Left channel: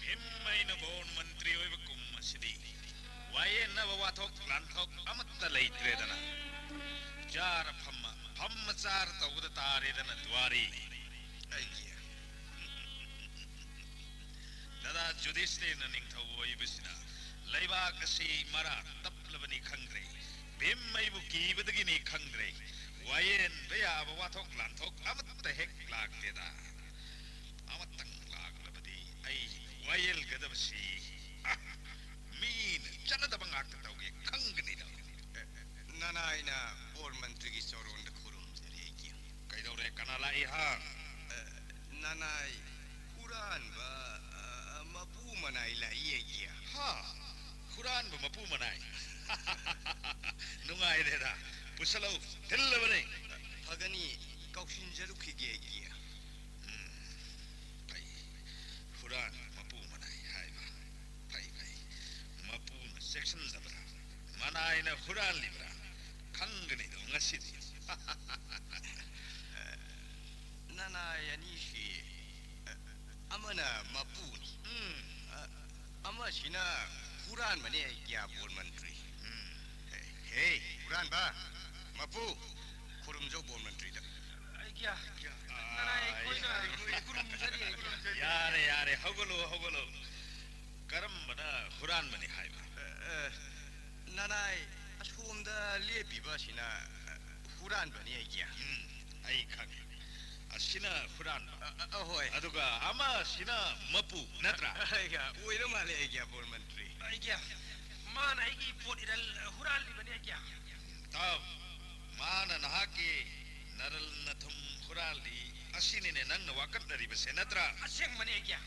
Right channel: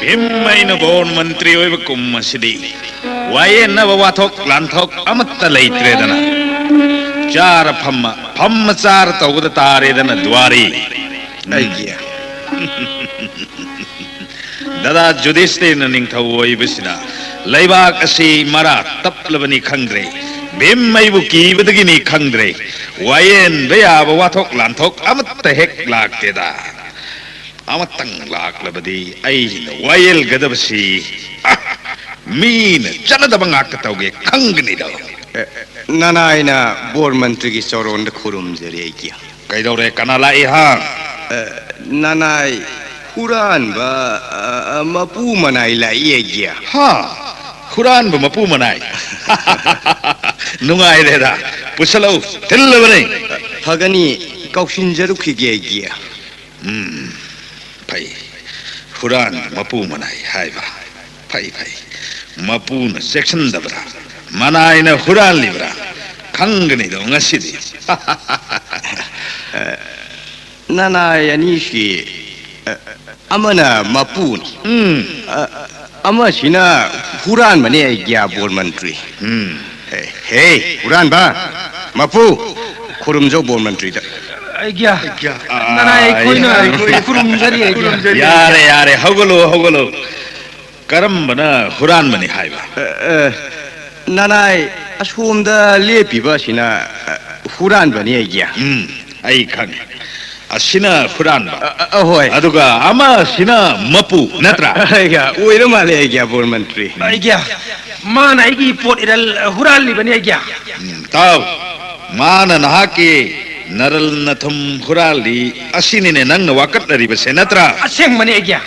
भिम्मैन bone मंत्री ओइब कुम्मसिदी वाये नव वाथोक लांथोक अमत्त लैत्रेदना चार फम्म चार तौगद तारेदना द्वारी आइगिया ददा जुदिस्थिर निंगथौ ओइबसिना लैबाक असि मरा तपलबनी खंग्रे भिम्मैबु कीबदगिनी खंग्रे वायेन बेयाब वाथोक लांथोक अमत्त हेक लाक्तेदा अमत्तंग लाक्लबदी ऐन वायल गदबसी मीन चलदब ngakatawge khangnido nanaina bor mantri gi soron de khurum jere giya kaidore kanala iha nanai huran ba mapu manai la ye giya ha huran ba mapu manai nungai reda pusalo tillabane phagani kauksin jaru khige giya pai huran mapu manai haiba pai mapuna section dabra manaina huran libra khangni do ngasidi nanai anishi amana mapun amasina huran mane giya bor mantri hey huran ba mapu khurumjo bor mantri da आइग्या ननाय कोइना खुरुमजरी यारे हगलो करम्बना हुरान मने हाइबा ननाय असोमदा लेपिबा सिना हुरान बने आइग्या आई खंग असिना हुरान बा अहोय अदुगा अमा सिना मपु नत्रा आइग्या ओइरो माले आइग्या बोर मंत्री आइग्या मान आइगी पोट इरल हुरान लि बने आइग्या ताव मान नहा के नरल नथम हुराली असिनिने नंग वाकत लरिबसे नत्रा असेंग मने आइग्या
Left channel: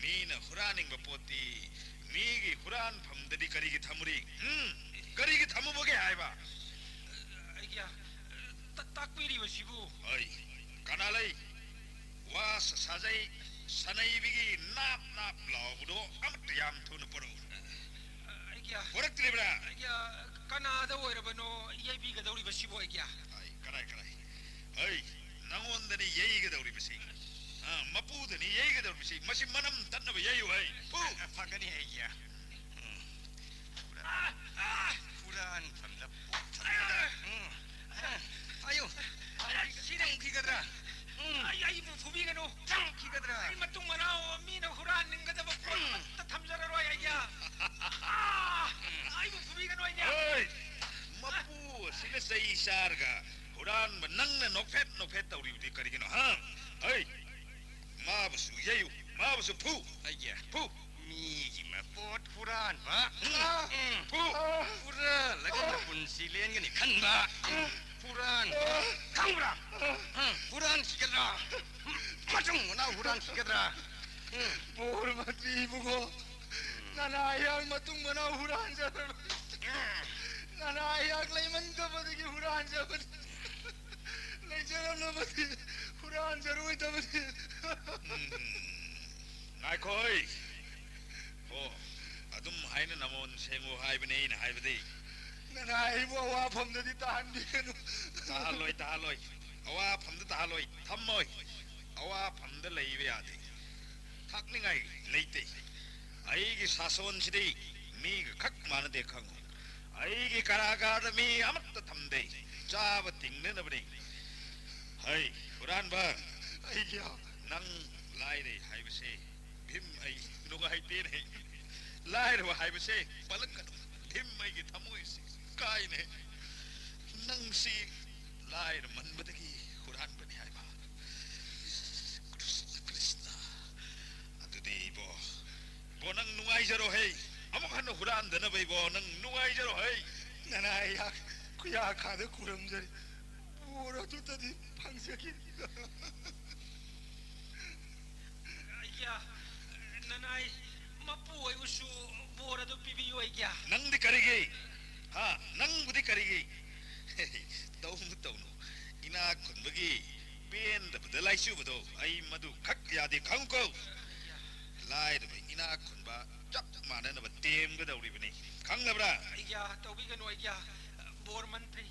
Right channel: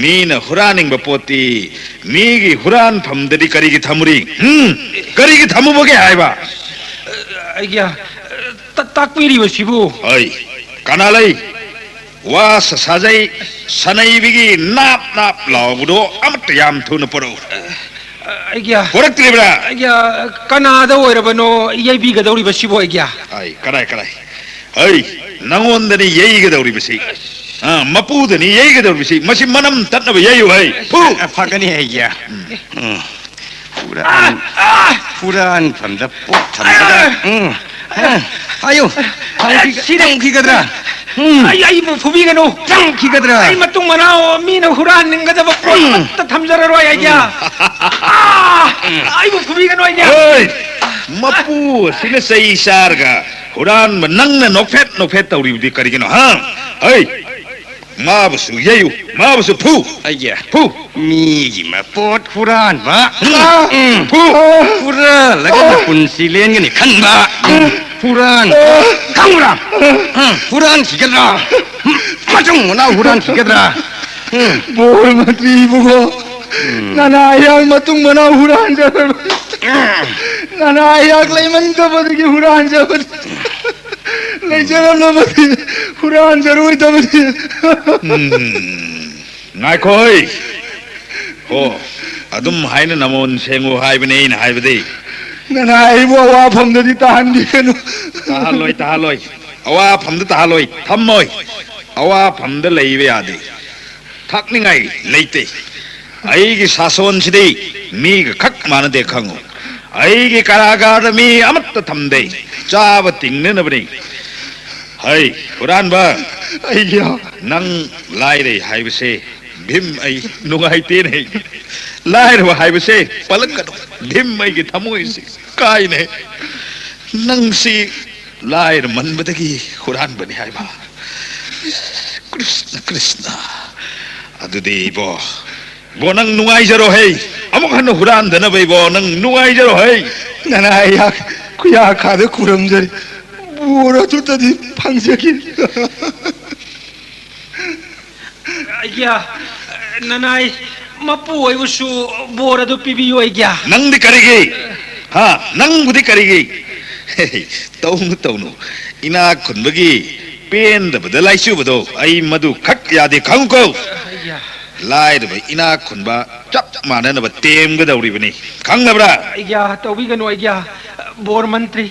मीन हुरानिंग बपोती मीगी हुरान फमदरी करीगी थमुरी करीगी थमुबगे हाइबा आइग्या ताकपीरी बसिबु ओइ कनालै वास साजै सनैबिगी नाप लावबुदो अमत याम थुन परो आइग्या पोरक्त्रिब्रा आइग्या कनादा ओइरबनो येबिगदौरी बसिबु आइग्या आई कराय ओइ नंगोंदनी येइगदौरी बसि मपूदनी येइगदौरी बसि मसि मनम तत्नब येयु है फु फगनी आइग्या हुरान फमदा पोट थमदा आयो सिदं खिगद्रा आई फुबिगनो 짱 खिगद्रा आई मतुंग मनाओ मीन हुरान निंगदब पोट थमजररो आइग्या आई फुबिगनो आइग्या ओइ मपू सिने सही सारगा हुरान नंगन नोफेट तौरीबदी करिगिनो हा ओइ माबसु येयु माबसु फु आइग्या फु मीगी मा पोट हुरान बा फु हुरा लगन पुनसिलेन गनि खनबा हुरान खंगरा हुरान खिगद्रा मचुंग ना हुरान खिगद्रा बोर मंत्री बुगो ननायाग मतुंग मना हुरान जबर ननायाग लेमन तो बदगी हुरान जबर ले जरा न बदगी हुरान जरूर तबदी नायकोई हो अदुम हाइने नमोन सेंगो हाइबने इन हाइबदे ननाय बो वा फमददी ताहंदी कनु ताहलोय अवा फमद ताहलोय थम्मोय अवा फमद लैबे यादे थकनिंगाई लेते आईगी सासोन सिदे मीग खक मानदे खंगो आईगी कारागार मी अमत थमदे चाब तिंगने नबनी हाय हुरान बा आइग्या नंग लाइरे हाइबसे भीम आई नुगाइते नहीं लाइर वा हाइबसे पलकनो भीम आई की थमोय से काय ने नंग सी लाइर मनबदगी हुरान बने हाइबा कृष्ण अदुदे बो नंग नुगाइजरो है अमुक हन हुरान दनबै बो नंग नुगाइजरो है ननायाग कुया खादे खुरमजरी बोरा तुतदी फंगजकी आइग्या ननाय मपु ओइबुसु बोरदु पिबियो आइग्या नंग दि करिगे हाँ नंग बुदि करिगे तौनु इना खुनबगी पेन दबदा लाइसुबदो आई मधु खक यादे खंगको लाइद भाई इना खुनबा चप माननब तेमगदौरिबनी खंगनब्रा आइग्या तौबिगनो आइग्या बोर मंत्री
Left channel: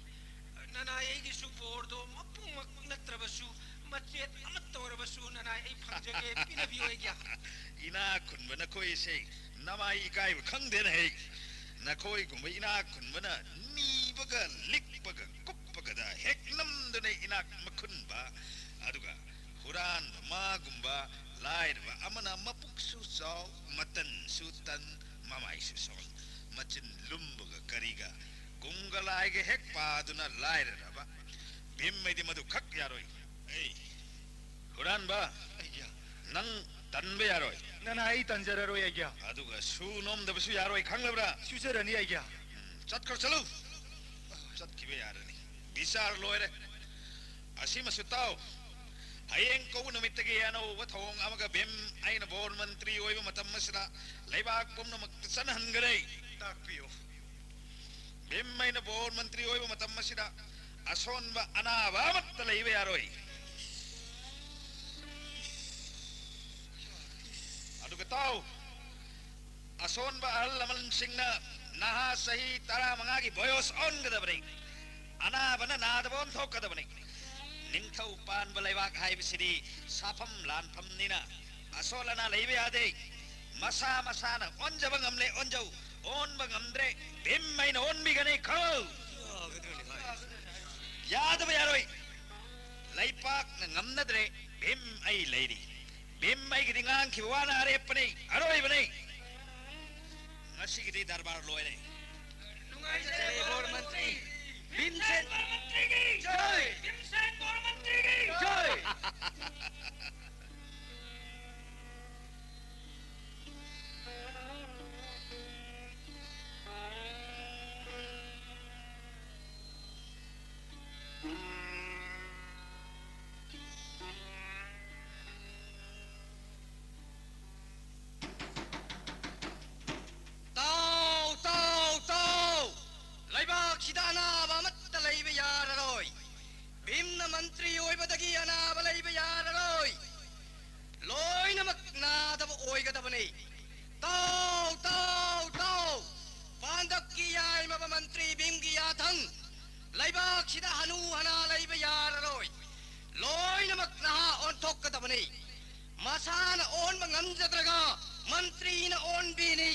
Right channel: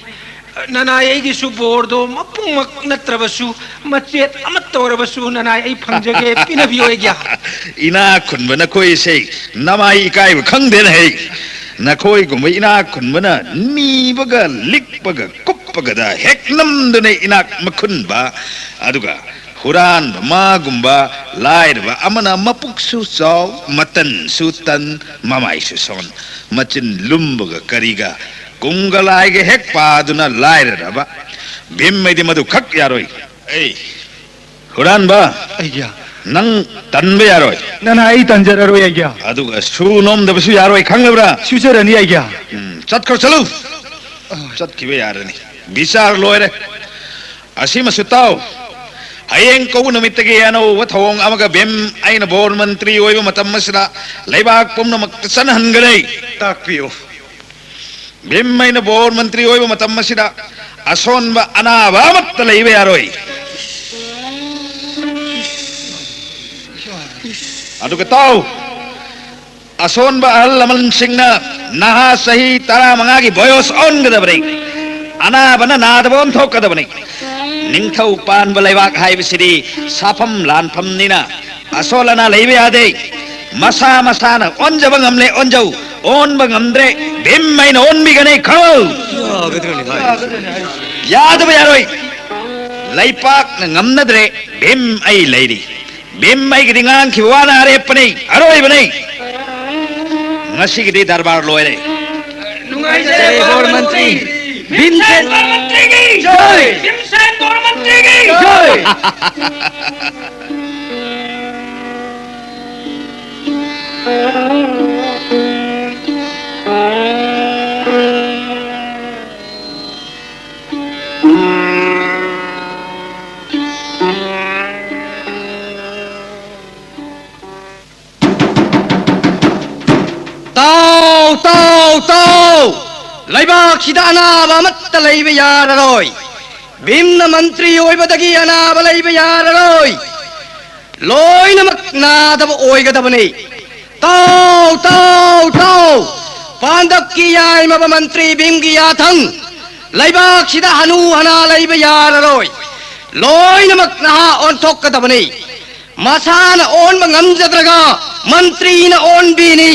ननाई की सुबोर्दो मपुंग नत्रबसु मचेत अमत्तोरबसु ननाई फंजगे पिनबी होएग्या इना खुनब नखोई से नमाई इकाई खंगदेन है नखोई गुम इना खुनबना नीबगा लिकबगा कुप्पगदा हेक नमदने इना मखुनबा अदुगा हुरान मागुंबा लाइरबा अमना मपुक्सु चाव मतन सुतन ममाई सुसन मचिन लुम्बगा करिगा कुंगलाइगे हेक पादुना लाइरबा भीम मैदि मधु खक यारोई ए हुरान बा अय्या नंग तन्बे यारोई नना आई तंजररो अय्या अदुगा सुनोम दबसु यारोई खंगबरा फ्यूचर अनि अय्या चतखो चलो चतखिबे यारनी विचार लोयरे असीम सुताव हयें कौ नमित्तगे अनो वथोंग अमगा बेम आइन बोर्ड मंत्री ओइबा मतम मसिदा लैबाक पुमनमक सनहनगनै ताकपियो बेम आइन बोर्ड मंत्री ओइबा मतम मसिदा असोनबा अनाबा मत्त लैबे यारोई अदुगा ताव असोनबा अहल लमन सिंगना नहा सही तरा मंगागी बयोस ओनगदबनै अनाबना नादबोन थोकदबनै निंथौ पान बलैवाक हाइबसिदी साफम लानफमनिना असोलना लैबे यादे मसा मसाना ओनजब ngamle ओनजौ ओनब ngamद्रे बेममाइन ओनबिगनै खौ यादब यारोई लैपाक ngamnadre बेम आई लैरी बेम आई गिदिंगान खिवाना अरेपनै अरोई बनै ngasiगidi दरबार लोयरे नुंगाई जय बोर्ड मंत्री भीमसेन मंत्री की जय भीमसेन बोर्ड मंत्री की जय लैबाक सिदा अनाब अमत्त लैबे याररोई भीमना मंत्री ओइबदगी अनाब लैबे याररोई लोइनमक नादब ओइगदबनै ताव ताव ताव पांडव की याइमब मंत्री भीम की याथंग लैबाक सिदा हनु हना लैबे याररोई लोइनमक नहा ओनथोकदबनै मसान ओन ngamjadраga मंत्री न ओन बीनी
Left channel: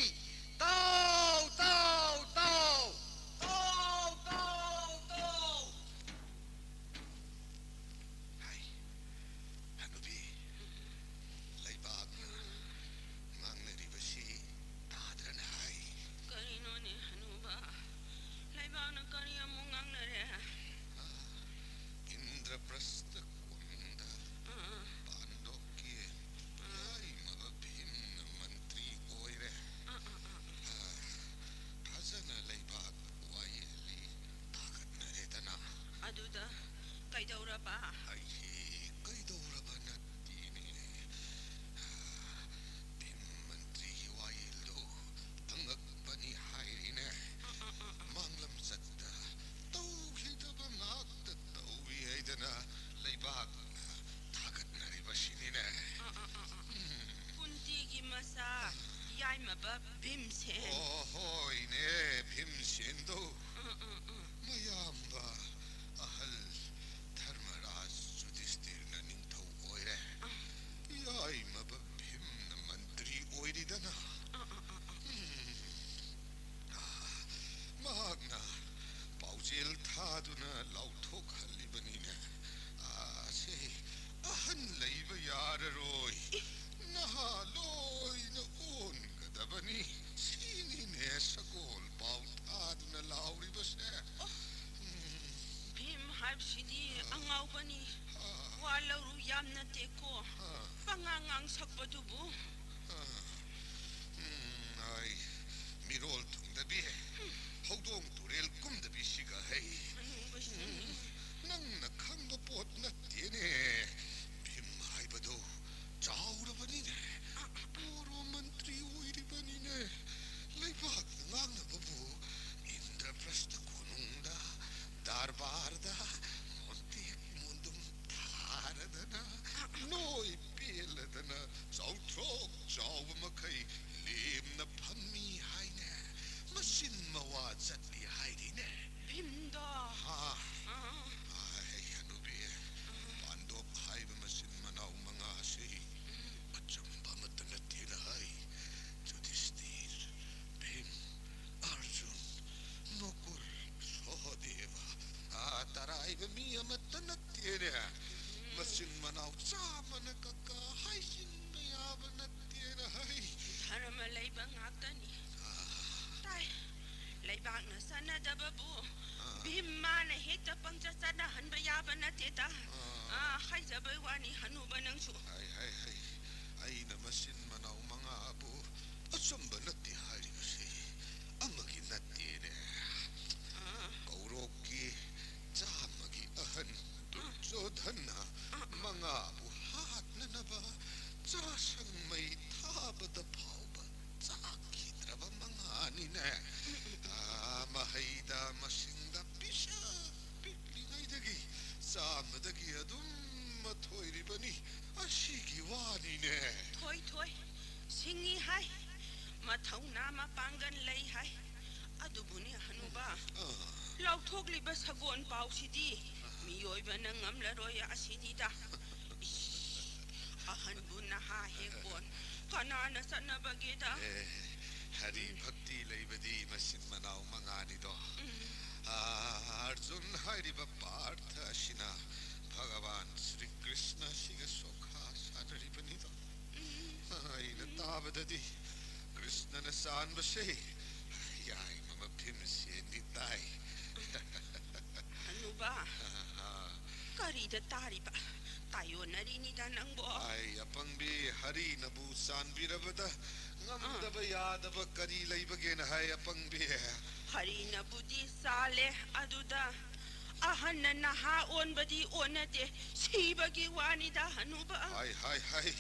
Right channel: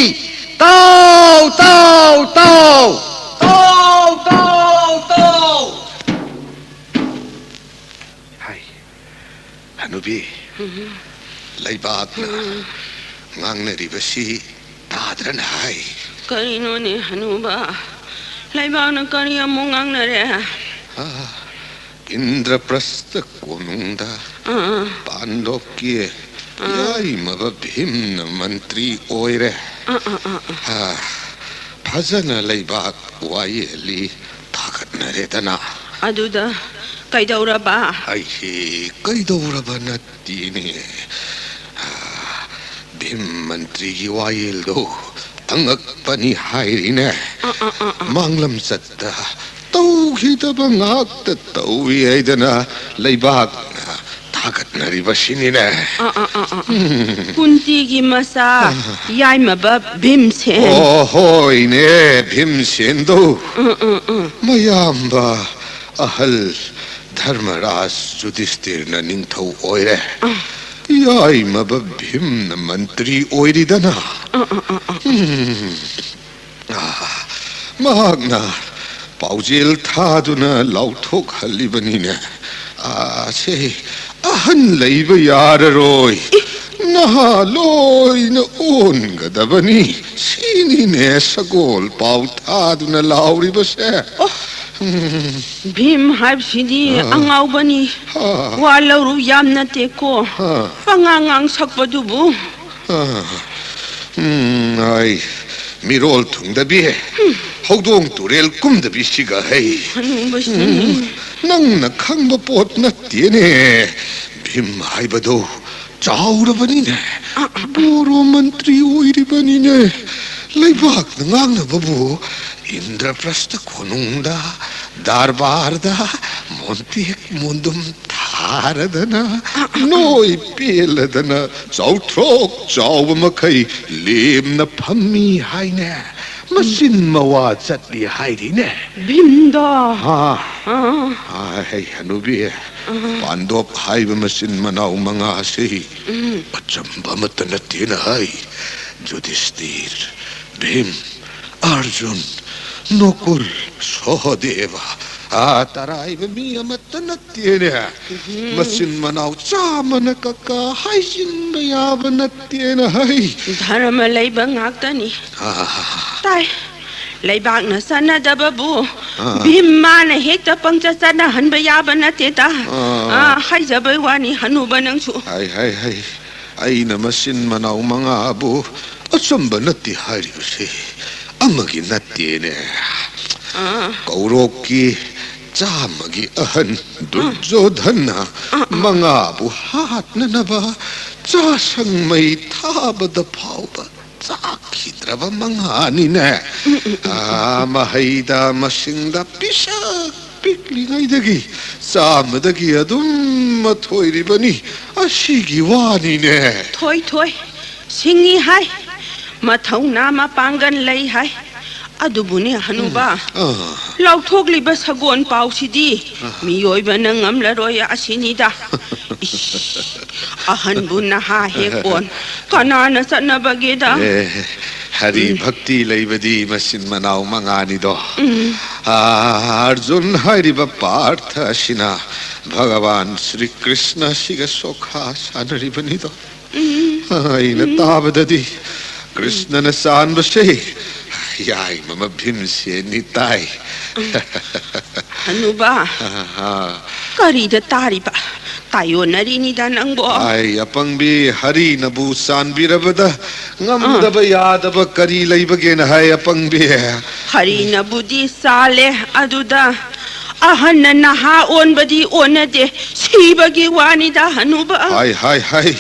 ताव ताव ताव Hanubi, laibakna, ngangnaribasi tadran hai. Karino ni Hanuba, laibakna kariya mo ngangnare. Indraprastha konungda, Pandokye, yai mababhimna mantri oire. Phazana laibak wayeli thagatnaredana. Aduda kaidauraba. Ai kaidauraba nattine. Bhim mantri ki wayel do angakpani hairine. Manglam satta tauhidaba ngakta tauwi aidana laibak thagatnaribashinine. Kunti ki masa yai maba Bhimsen. Oh hoine Bhimsen do. Mayamba ahal Dharmaraj Yudhishthirna ningthau oire. Yai maba Bhimna mantri oiridana. Magna paujil thaduna lauthok halibanine. Se ahan leiba yararoi. Naha loi na ongadabani. Sini ne sagol pau thaduna lauri base. Bhim haibsidi angaubani. Walauru yamna teko. Pangangang sakpadubu. Ai mirol thungdabi. Hogdong turel kumdabi siga hai. Nang na khangba pot na tiene. Bhim haibado chaurabani ne. Boro mantri oiribani ne. Laibak ngang na babu. Indraprastha konungda darbarda montik mundum tharadana noi peladana chautrok chawmakai lemna phammi haine मसिन मवा चटली हाइरिने भिमदा hey Hanubi Pandop hai masin manaw mga si Pachamba matanatin hai Yudhishthir Bhim Arjun Nukul Sahadeva Taray miya matanatin Masin manaw Samana kaka Haisin mayabanatin hai Dharma laibang aktani Tai Laibak na sana dababu Bhimana hekta pangcha sana hanba yaba na teta Hai zabay wani hanuba nang su Hai Ay na masin manaw mga abo Asamba nati hari kasi Amagi nati ne Kauroki Chamagi ahan Duryodhana Mga abo hat na naba Chasang may tabada pauba Sakidraba mga nina Mahayda masingda pisa Piklingay dagi Sama dagi adum matoy ribani Asigi wani ne Toy Singi hai Mathaw na mapanggan lay hai Adubo ni hanuba Lauthok liba sagon pao sidi Miyoy ba nang amlaroy asinida Ahan bu na ha hekon Kanana sa nabagida Hari bhakti laibadi masin manaw mga nido Arjun hariba partha sina Bhagavan Sri Krishna siga sokha sanariba nido Ay natabadadi Krishna na saan ba siya Yay mamabhim siya nitay Hanuba Karida tariba Tayo na rin nang bo Ay apang bi hari na busan birabada Ngam da ba yada ba kari laibagin hay apang bi Hari na budi sale aduda Ahan na nahaon badi onade Sibagi wani da hanuba Hay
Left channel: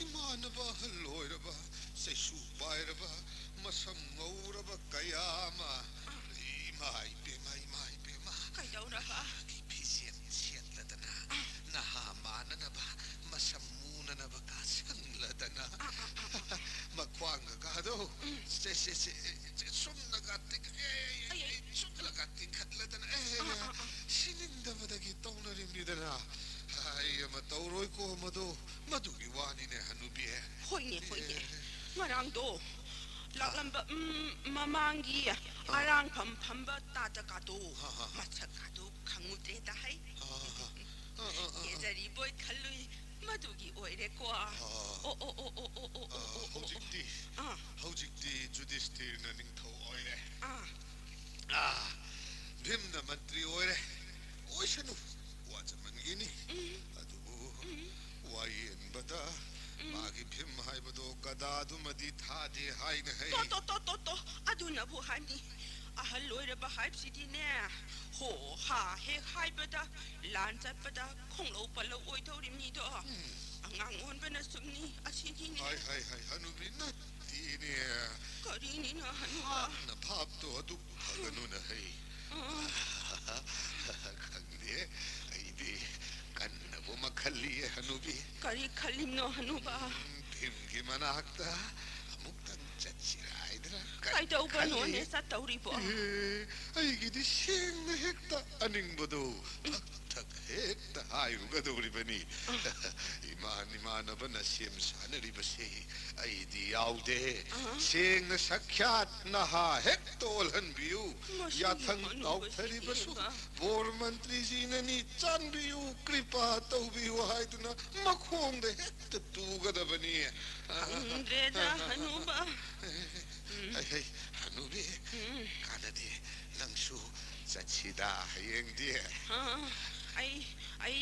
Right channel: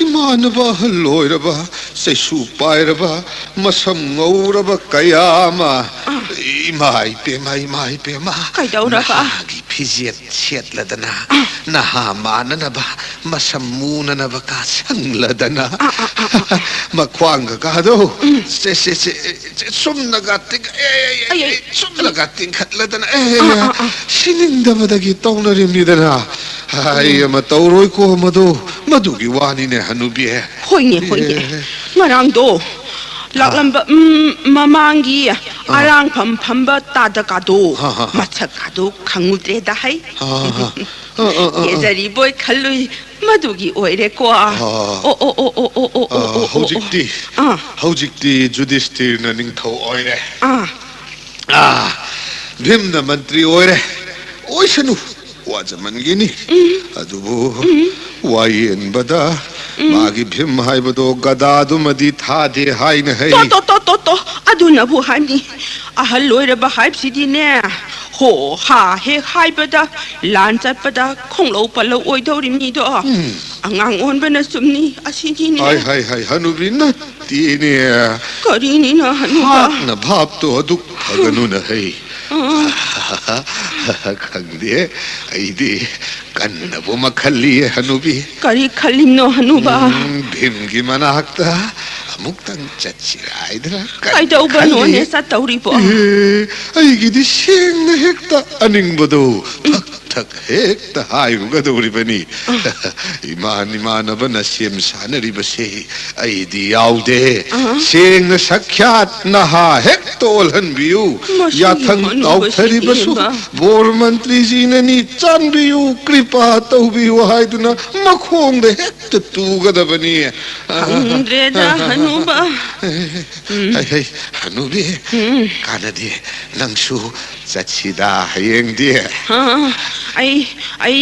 Imana ba haloy ra ba Say supay ra ba Masam ngaw ra ba kayama Imay pema Kay daw ra ba Nahagi pizit siyat ladana Nahama na ba Masamuna na ba kasang ladana Makwang ka daw Sumnagating Sumnagating katladana Sininda ba dagitong na rin nidana Ay matauroy ko Madugi wani ne hanubi Hoy ni Ngarang do Laklamba mamanggi Arang pamba tadakado Matsakado kangutreda hay Yezari boy kalui Madugi oire kwa Hojikti Yudhishthir na ningthaw oire Bhim na mantri oire Oy sanu Wajaman gini Adubo Wayen bada Magi Bhim hai bado Gadadu madi thade hai na hai To Aduna buhani Ahaloy ra bahayb sidi ne Ho ha he hai bada Lan chat bada Konglo palaw oy dawrim ni do Angang on ba na sumni Asini ne Hai hanubi na Tini Karini na hanuba Hak na bhap to aduk Haganu na hai Khangde Aidi Kanna bo makhali hanubi Kari khalim no hanuba Bhim gi manakta Amuktang chachiray dra Kay daw ba no ne sa tawri po Ay gidi siyang na hekta Aning bado Tak hekta hayo gadawri ba ni Iman ba na siyam sana riba si Ay di yawde Siyang na sakyat na ha hekta olhan biyu Yatang tawtari ba su Bor mantri zina ni chan biyu Kripa taw biyu hay duna Makhong da hekta tuga da ba ni Andre da hanuba Hey hanubi Kana di Nangsu Sachida hayeng di Ay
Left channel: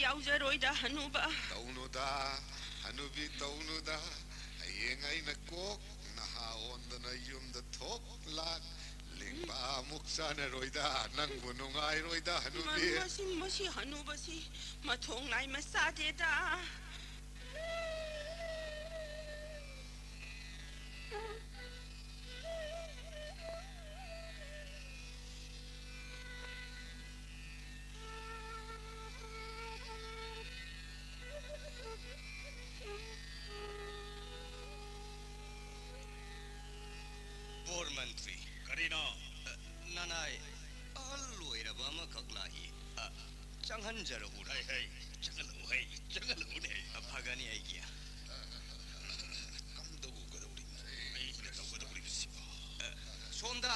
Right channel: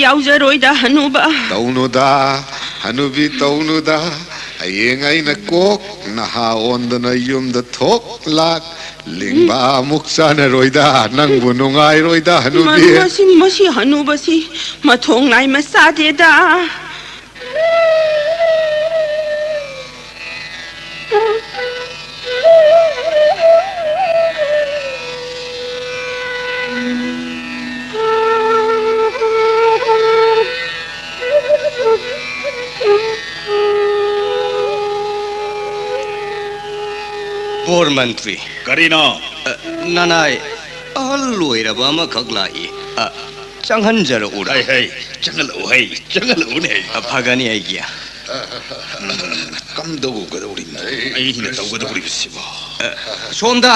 yawzaroy da hanuba Tauno da Hanubi tauno da Hayeng ay nakok Nahaon da na yung da tok lak Lingba muksa na roy da Nang bunungay roy da hanubi Masi hanuba si Matong nai masade da bore मंत्री करीनो ननाई अहल लोइरबा अमखक लाई चंगहनजर उरा हे चंगल उने फगनी आइगिया कम दो गदौरी अहिने तौ गदौरी बिसिबो सोमदा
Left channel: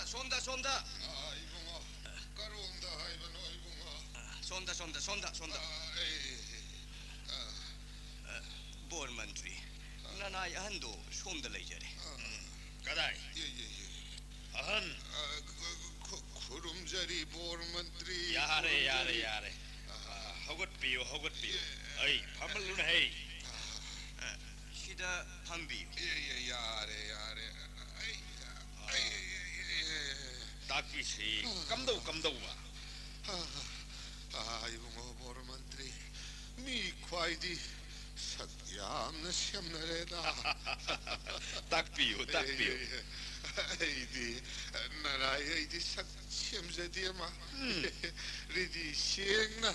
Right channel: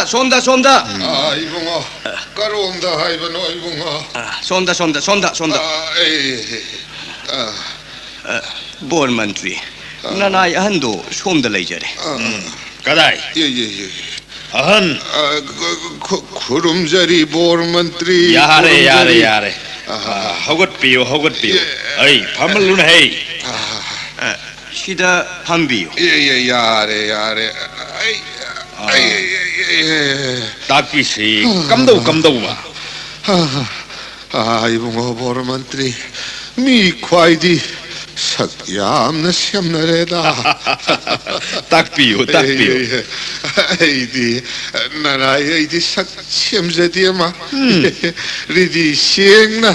이봉아 까로온다 하이버노 이봉아 सोमदा bore मंत्री ननाई अहंदो सोमदा लेजरे कदाई 예예예 अहन 구름자리 보르먼트리 यारे हगत पियो अई फमलुन है 시다 밤비요 예예 야래 ताकि से कम दो बा 이봉아 보르먼트리 미 콰이디 석얌나 샘나래다 तक पियो 아이디 나라이디 석 샘제디마 리디 시행나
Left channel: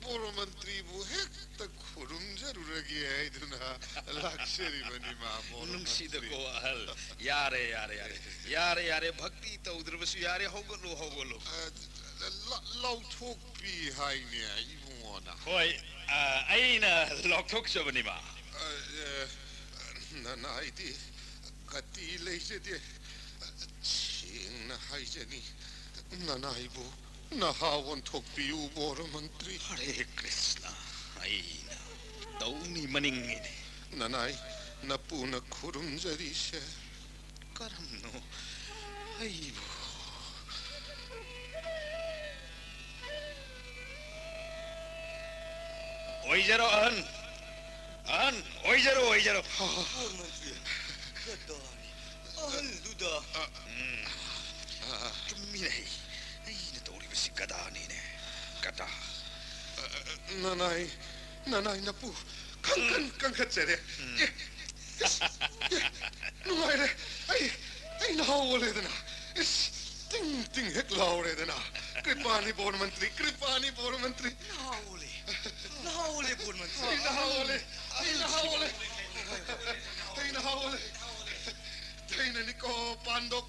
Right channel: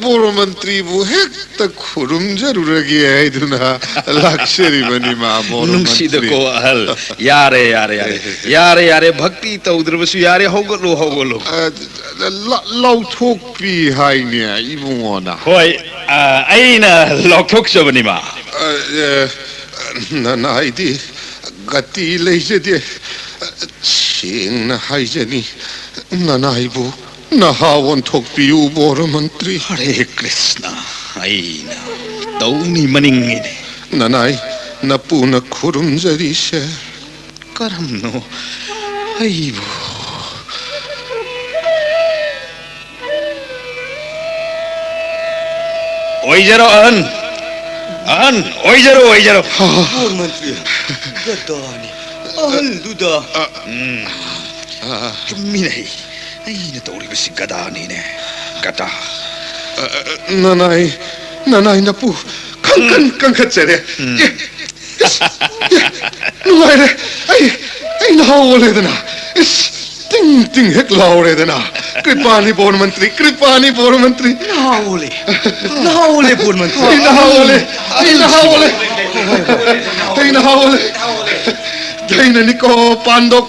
보르먼트리 부핵다 구름자루라기 아이두나 락셔리 बनीमा नुंगसीद को अहल यारे भक्ति तो उधर बस यारे होगलो लाउथोकपी हाइने इबुङोना होय अइना लौथोक सबनिमा नानाइदी गति लेजदे सिंगना हाइजनी नानाइबु नहावन थोकपियु बोरमंत्री हरे कृष्ण अइना तौनी मनिंगिने नानाइ नपुन खुरुमजरीसे करमनो अइबो ओइजरो अहन ओइजरो बोर मंत्री गदानी अहल दुदा चुम्मिने अइना तौरी बस गदानीने गदा नानाइ नपु कंखचरे नुगाइरे आई नहावलेदना ting hek lauredana Kripani bore मंत्री नाओले बोर मंत्री नहावले दैननिको पांडव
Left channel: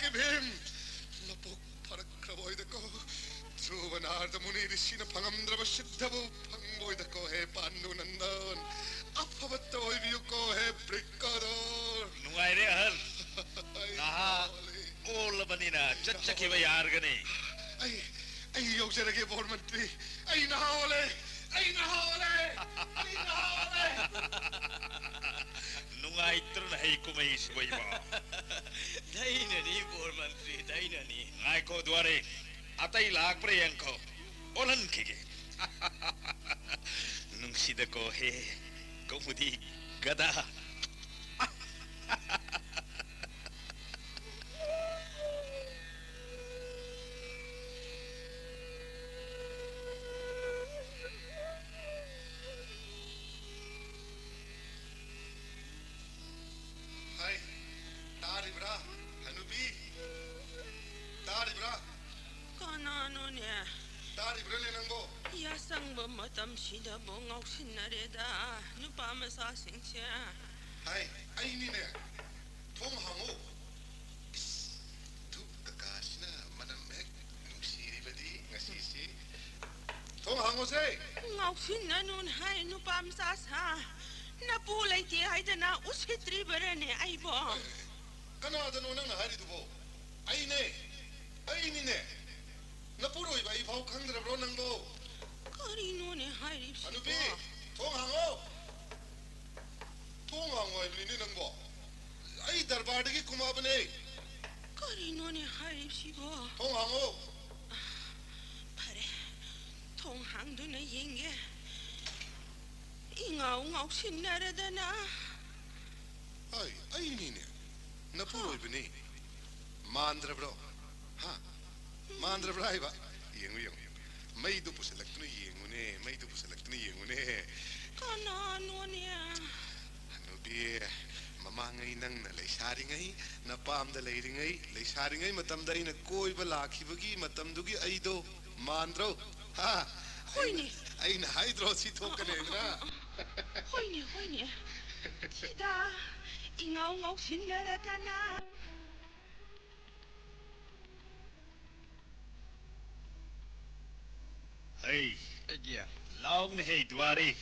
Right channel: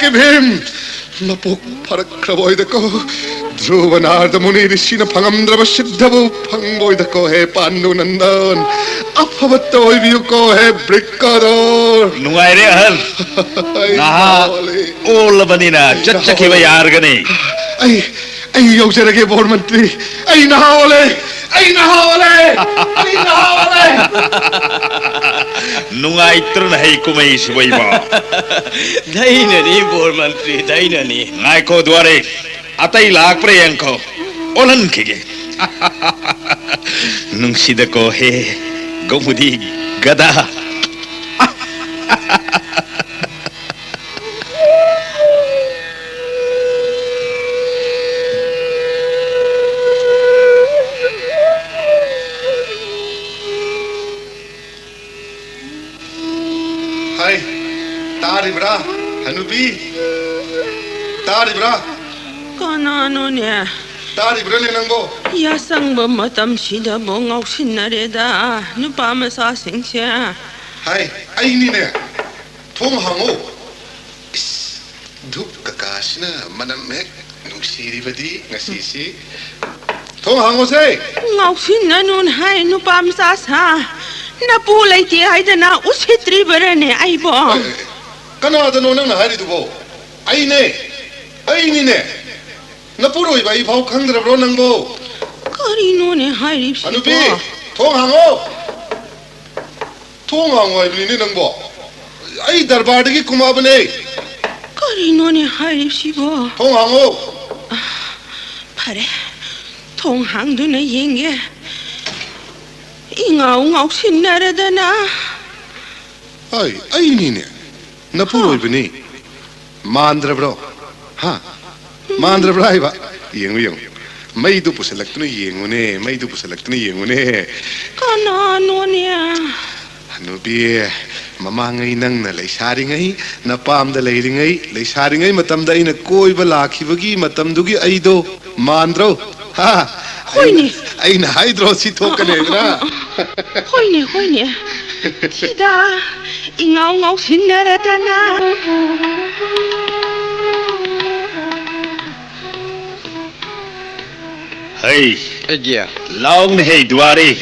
के भीम नपुक फरक क्रबोइदको ध्रुवनार्द मुनि ऋषिन फंगमद्रव सिद्धबु फंगबोइदको हे पांडु नंदन अफवत्त ओइबियुको हे ब्रिक्कदोर नुगाइरे अहल नहा ओल बनिना चचखिब यारगने आई यौजरगे बोर मंत्री आई नहावले नुगाइत्रन है कुमै सुबैबा दैननी बोर मंत्री दैननी नायको द्वारे अतै लाख प्रयंको ओलन खिगे नुंगसिदको हे गौमुदी गदा हाय तारिब्रा हनुबी तारिब्रा कनानोने तारिब्राले नंगो यासंग मतम सिदा बोंगाव सिन्नरेदा नुपा मसासिंगसे हाय आइनीने थोंग हांगो धूप ककाशना मनम हेक नुसिरिबदी ngasiसी थोंग हांगो से ngaw sinnanon hay nupa masasa napu laiti haidana usitri barane aibo कनादनो नंग हारिदुबो आइनीने नपुरोइ बाई भाव खंगद्रब्रो नंगो करिनोने हारिबसिबो हनुबी थोंग हांगो आइबलिने नंगबो आई दरबारदगी कुमाबने करिनोने हारिबसिबो थोंग हांगो फरे थोंग हांगदुना येंगे ingau sinnaradana आइनीने नपुरोइ बनी मांद्रब्रो हाँ मांद्रब्रो आइबा येंगु मैदु पुसलक्तुने येंगुने कनानोने हनुबी ममांगै नंगना लैसारिङै नपामदा लैसारिङै मतमदा अइना कोइबा लाखिबगी मतमदुगी अइदो मांद्रो हा होइने अइना हाइद्रो सि थोकनेद्रा होइने Tida, ingaw sinnaratana. Hey, Agia, long hey duari.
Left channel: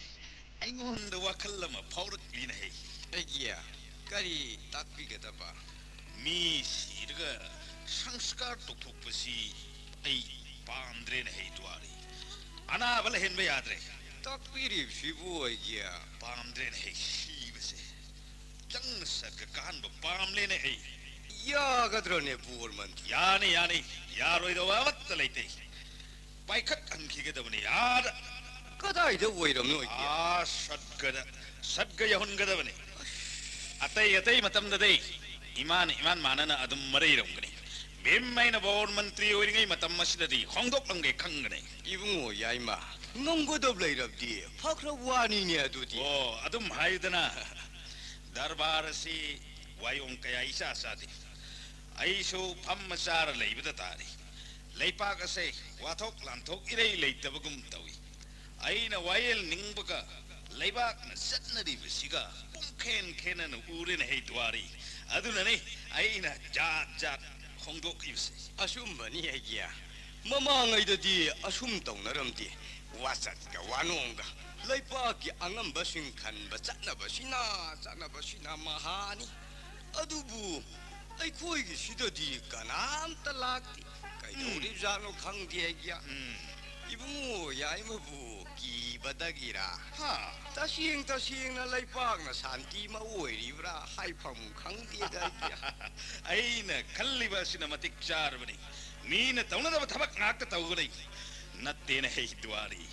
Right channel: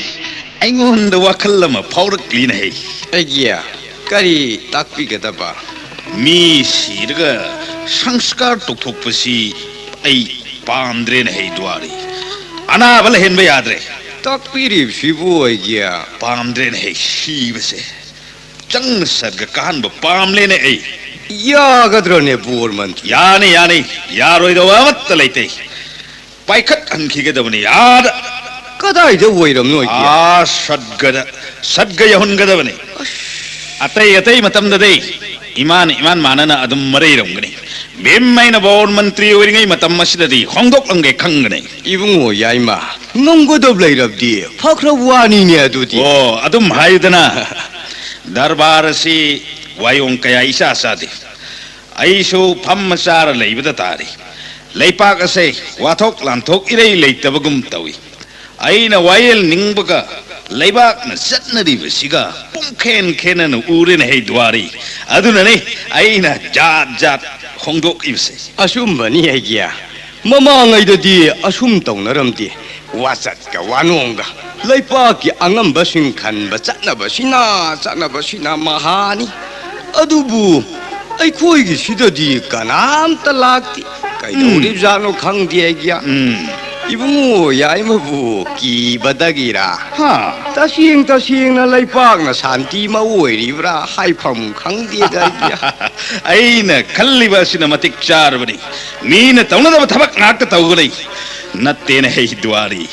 Aingon the wakalama powder clean hey. agia, kari takpi gadaba. Mi sirga sanskar tokthokpasi ai pamdren hey duari. Ana bal hen ba yadre. Takpi rib shibu agia. Pamdren hey shibase. Chang sarga kan ba pamle ne ai. Ya gadrone bor mantri. Yani yaroi do amat laite. Paikat ankhigedabani yad. Kadai da woiram no agia. Sadga yahungadabani. Atai matamda dei. Iman manana adum marairamgani. Bimmaina bor mantri oiringai matam masidadi hongdok langai khangani. Ibungo yaima. Ngomgodab lairabdi. Fakra wani ne adudi. Oh, adum haidana. Darbar si wayong kaya isa sadi. Aiso pammasara laibada tari. Leipak ase wathok lanthok irei leitabagum tawi. Aina wayel ningbaga leibak na satnari basiga pungken na urin hey duari. Aduna ne aina jat hongdok ibse. Asum bani agia. Mama ngai dadi asum tongnaramdi. Wasat ka wanonga. Leipaki angam basing kan bacana basina mahani. Adubu ai khoi gi sidadi kanam talakti. Kai dori jano khang dia. Ibungo yaimabu ki badagira. Ha. Tasing na leipak na santi ma oiribra haifam khang dia dia. Aina kalliba sina matik charbani. Mina taunada thabak ngak tawgani. Natte na hey duari.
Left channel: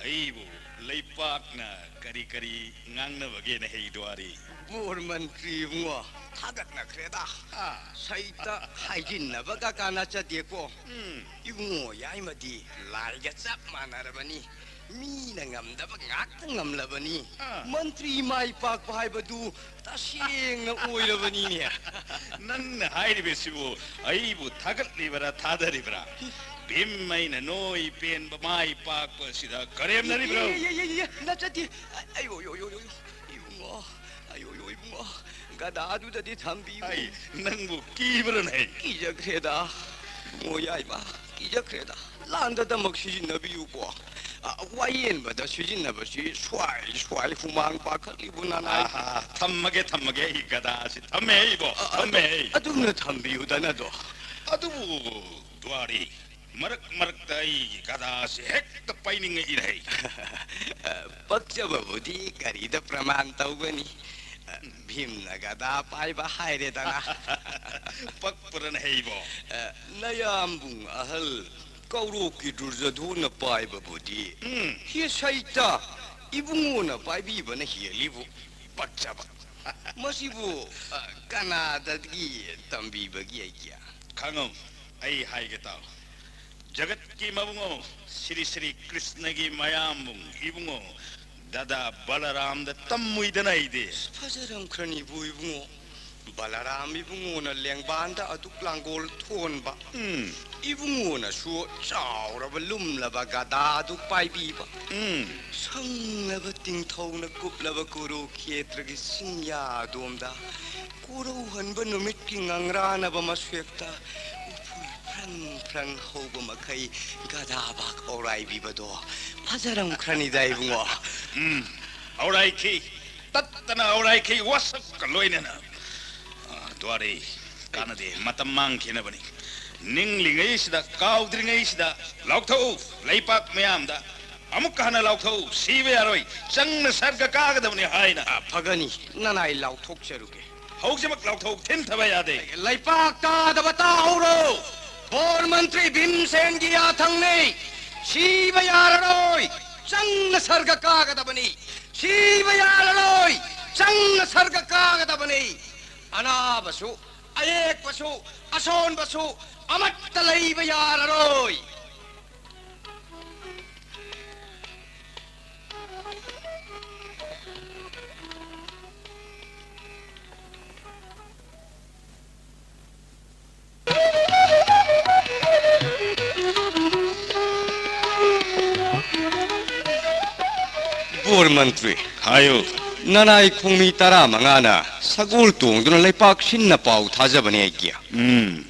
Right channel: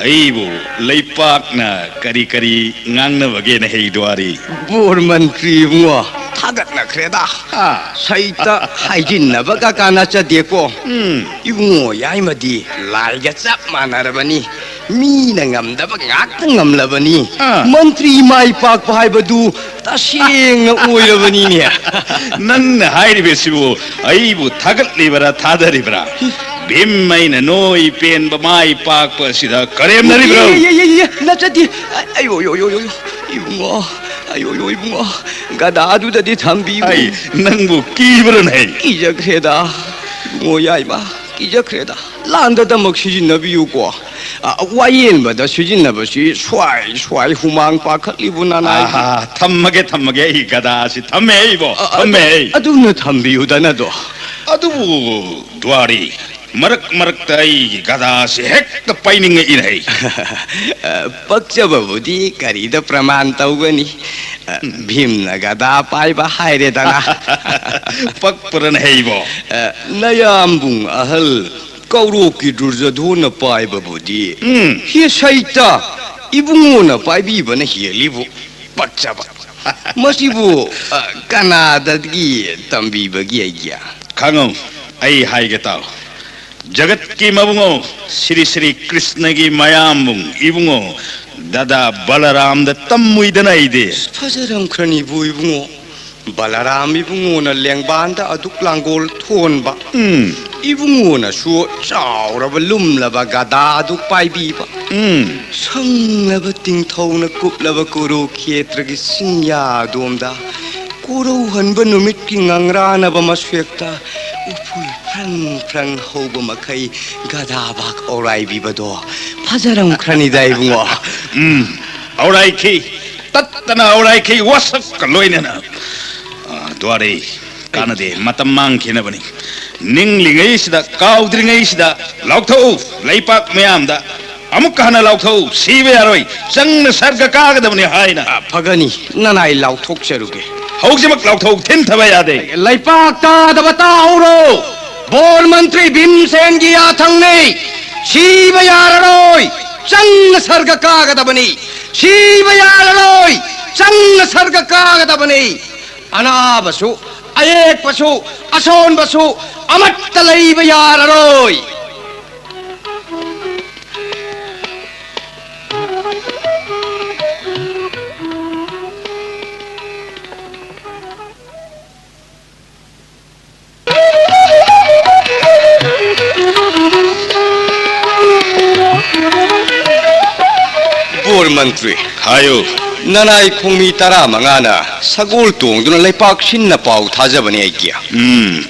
Aibu leipak na kari ngangna bage na hey duari. Bor mantri bungo thagat na kreda. Ha. Saita haijin na baga kana cha deko. Ibungo yaimadi laiga chap manarabani. Mi na ngamdaba ngak ngamlabani. Mantri mai pak pai badu tasing na oirabani ne. Nan hairibesibu aibu thagat libara thadharibra. Bimmaina noi pen ba mai pak pa sida karem nari bro. Nachadi ayo ibungo ibungo gada adu dadi thambi. Ai nangbu kibran hai. Kija kreda ibungo yaima kija kreda landa damak sijinabiyu ko. Wayen bada sijinabasi swai humang pakhatlibu nanai. Thammage ai gada si thamme ibo thamme. Aduna thambiyu danado. Adubu duari. Marak tai gada si hek paining inai. Pakcha babudi karida praman taugani. Bhimna gada pai ba haire dana. Pakpuran heibo. Nayambung ahal kauro ki durjadhona pai babudi. Hi saita ibungona pai bi bana hi libu. Pakcha ba. Masibu Kanadagi tambi bagi aja. Kangong ai haige tau. Jagat ki mabungo Sri Krishna ki mayambung ibungo dada Balaram da tammui danai de. Fajaram krani bu ibungo Balaram ibungo na lengbanda aduk langgol thon ba. Ibungo na su chaura ba lum la ba gada aduk pai bi ba. Sang la ba ting thau na kup la ba kuru khetra ki sinya domda. Kuru han ba numit ki ngangra na ba maswekta. Upui prang hoba makai gada bak orai bibado pajaram krani dai bungo. Orai ki tattana orai ki wasak kaloina na. Duare kanade matamang kina bani. Ninglingai sida kaudringai sida laukthau leipak mayam da amuk kana laukthau sibe aroi sang sarga kagada bani haina. Pagani nanai lauthok cheruge. Hausimak laukthau thin thaba yade. Leipak ta da batauro bol mantri Bhimsen gi athang nei shiva yararoi sang sarga kagada bani shiva yararoi sang sarga kagada bani ana basu ayek basu ason basu amatta leiba yararoi. Bor mantri Hayo 나나이 콩미 따라 망하나 사골 동두는 레박 신나 파우 타자버니 애기야.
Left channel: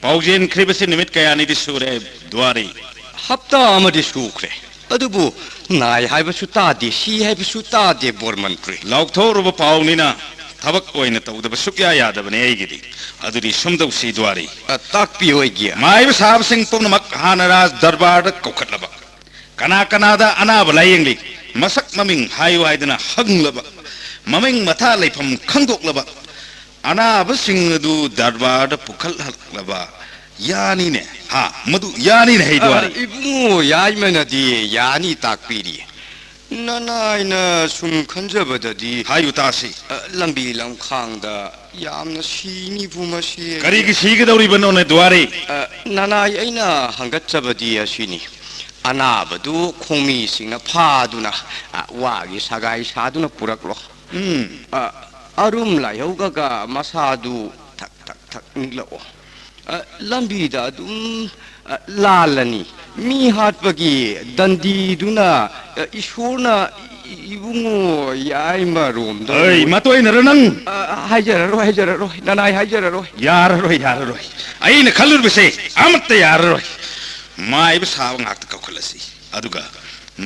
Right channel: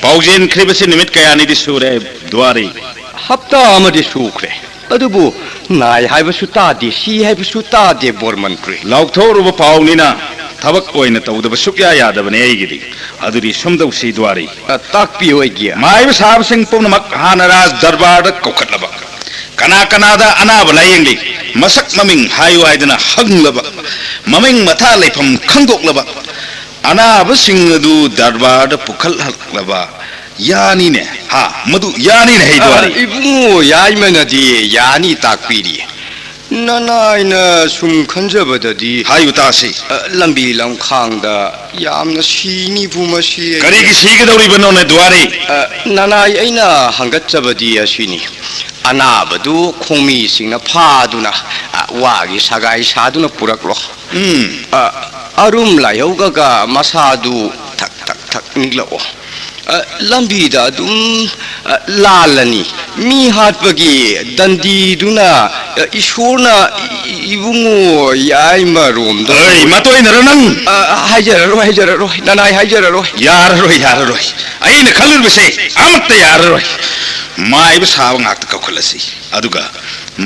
바우젠 크리버스 니밋 가야니디 수레 두아리. 합다 아마디 수크레. 어두부 나이 하이버수 따디 시 하이버수 따디 보르먼트리. 라우토르바 파우니나 타박 오이나 타우다바 숙야 야다바네 에이기디. 아두리 숨다우시 두아리. 딱비오 애기야. 마이브 사브싱 푸르막 하나라 दरबार कोखटलबा कना कनादा अनाब लायेंगली मसक ममिंग हायु आइदना हंगलबा ममिंग मथा लेफम खंगोकलबा अनाब सिंगदु दरबार पुखल हलबा यानी ने हा मधु यानी ने हेदवारी इबुंगो याइमनदी यानी ताकपीरी नानाइना सुम खंजबददी हायु तासी लंबी लंखांगदा यामना सीनी बुमसी करीगी सीगदौरी बनोने दुआरी नानाइ अइना हंगचबदी असिनी अनाबदु खोमी सिंगना फादुना वागी सगाई सादुना पुरकलो अरुम लायौगगा मसादु थक थक थक निगलो लंबीदा दुम लालनी मी हाटपगी दंदीदुना ईश्वरना इबुंगो याइमरोमदो ओय मतोय नरनंग हाइजररो नानाइ हाइजररो याररो अइना खलुरबसे अमत्त याररो माइब Sao ngak ta kokhlasi aduga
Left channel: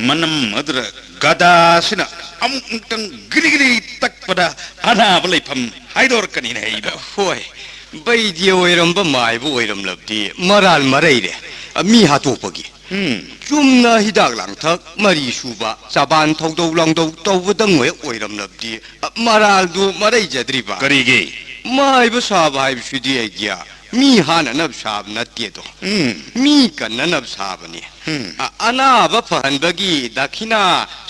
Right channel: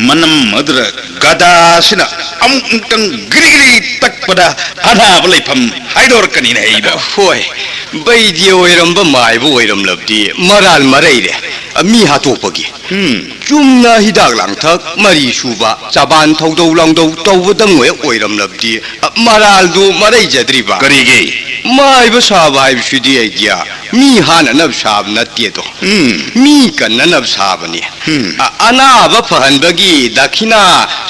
manam madra gada sina amtang grigri takpada ana balaifam haidor kani ne iba होय बैदि ओइरमबा माइबो ओइरम लबदि मराल मरैरे मी हातोपगी चुमना हिदाक लांथक मरी सुबा चाबान थौदौ लांदौ तौबदंग ओइरम लबदि मराल दु मरै जद्रिबा करिगे माइबो साबा हाइबसुदि आइडिया मी हाना नब साब नत्ते तो मी कन्न नब साबनी अनाब फहनबगी दखिना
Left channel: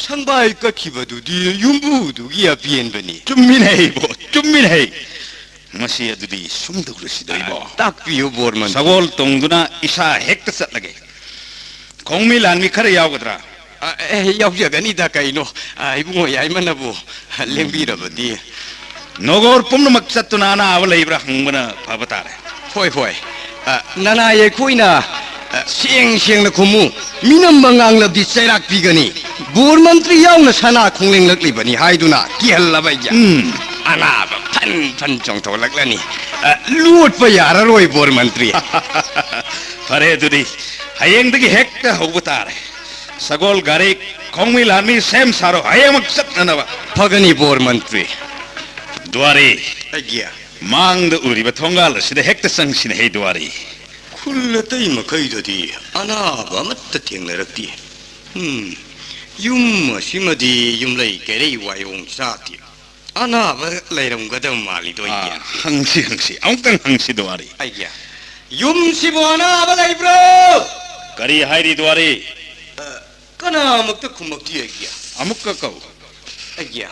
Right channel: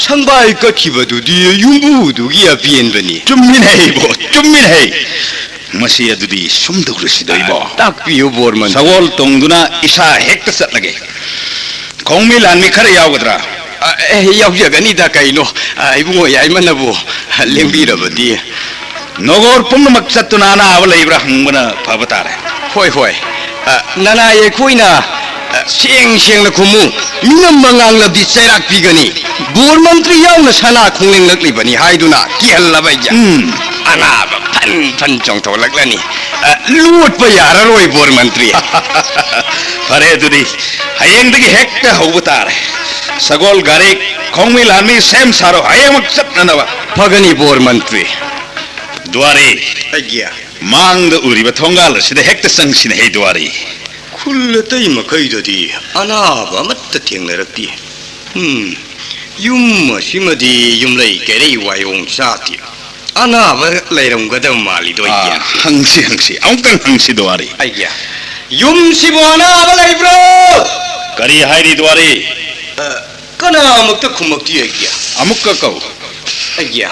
संबाई कखिबदुदि युम्बुदुगी अपियनबनी चुम्मिन है बो चुम्मिन है मसी अदुदी सुमदुरसिदइबो ताकपियो बोरमन सगोल तोंगदुना इसा हेक्ट सतलगे खौमी लानमी खर यावगद्रा यावजगनी दा कइनो इबुंगो याइमनबो लेंबिरबदि नोगोर पुमनमक चतुना ना आवलैब्रा हंगबना फबतारे होय होय नाना येखोइना सेंग सेंग न खुमु मिनम मंगांग लबदि चैराक पिगनी बोर मंत्री यावना सना खोंलेंग लकलिबनी हाइदुना किहल्लबैया अनाब फन फन चोंथोलकलनी लूटप याररोय बोर मंत्री फरे दुदी हयेंदगी हेक्ट हौबतारे सगोल गारे खौमी लानमी सेम सारो हयमक चतनवा फगनी बोर मंत्री द्वारे अगिया मांगद उरिबा थोंगाल सिदा हेक्ट संगसिन हे द्वारे खुल्लतै मखैददि अनाब अमत्त थेंगनरक्ति युम सिमदि युमलै केरै वायोंग साति अनाब लैरमगदम मालिदोइया हंसी औंतंग हंसी द्वारे अगिया युम सिबो अनाब लैब्रो करी हाइरी द्वारे कनामक्त खुमक्ति अगिया अमुक कौ अगिया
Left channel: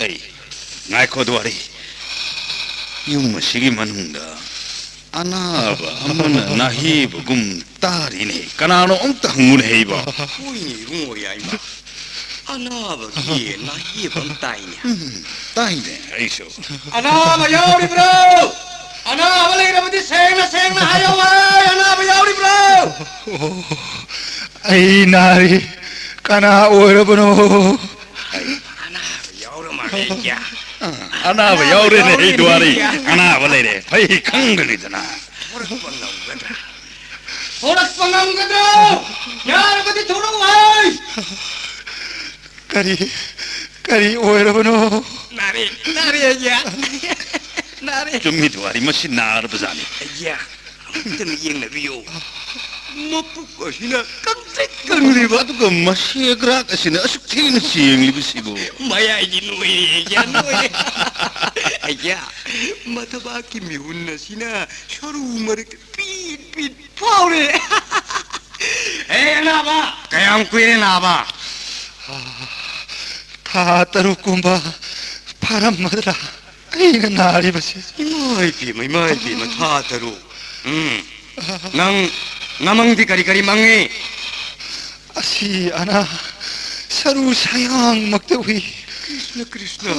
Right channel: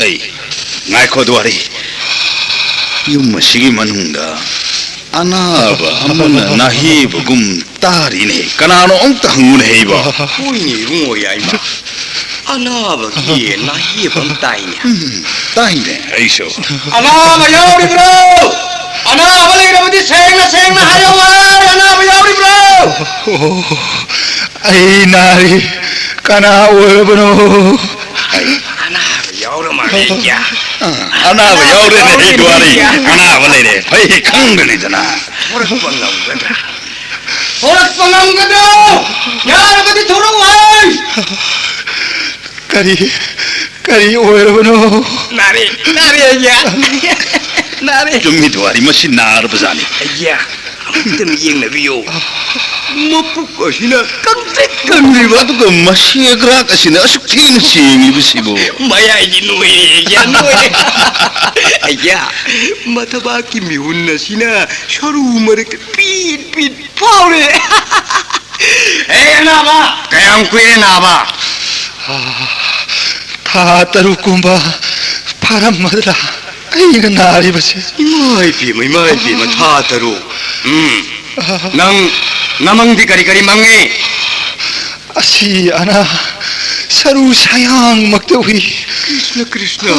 ऐ ngaiko duari yum sigi manungda anaba amana nahib gum tari ne kanano ongta hangun heiba huini rungo yaima anaba ki nahib am taine taine aiso anaba yauri bro anaba leirabadi sengna hayo anaba yauri bro ai nari kana oirabano anaba yaure ne he duari anaba leire phai khangani dana horak pangamgado yarabadi thorowai kari oirabano nari ya nari chummi duari masi nar bazani ya amtam yeng nabiyo mapuk asina kangtik kangriba aduga masi agrak asina asuktin singi bisibo maya ji noi ya noi ya mataba ki mihunna sina sharu marek pit paure naba kayang kuire naba 타 따루kumba 파람마드라 아이가 나리바세 imai pi matha taru nang namangdi kari mangi 아시 아나 사루 사양 막대위 krishna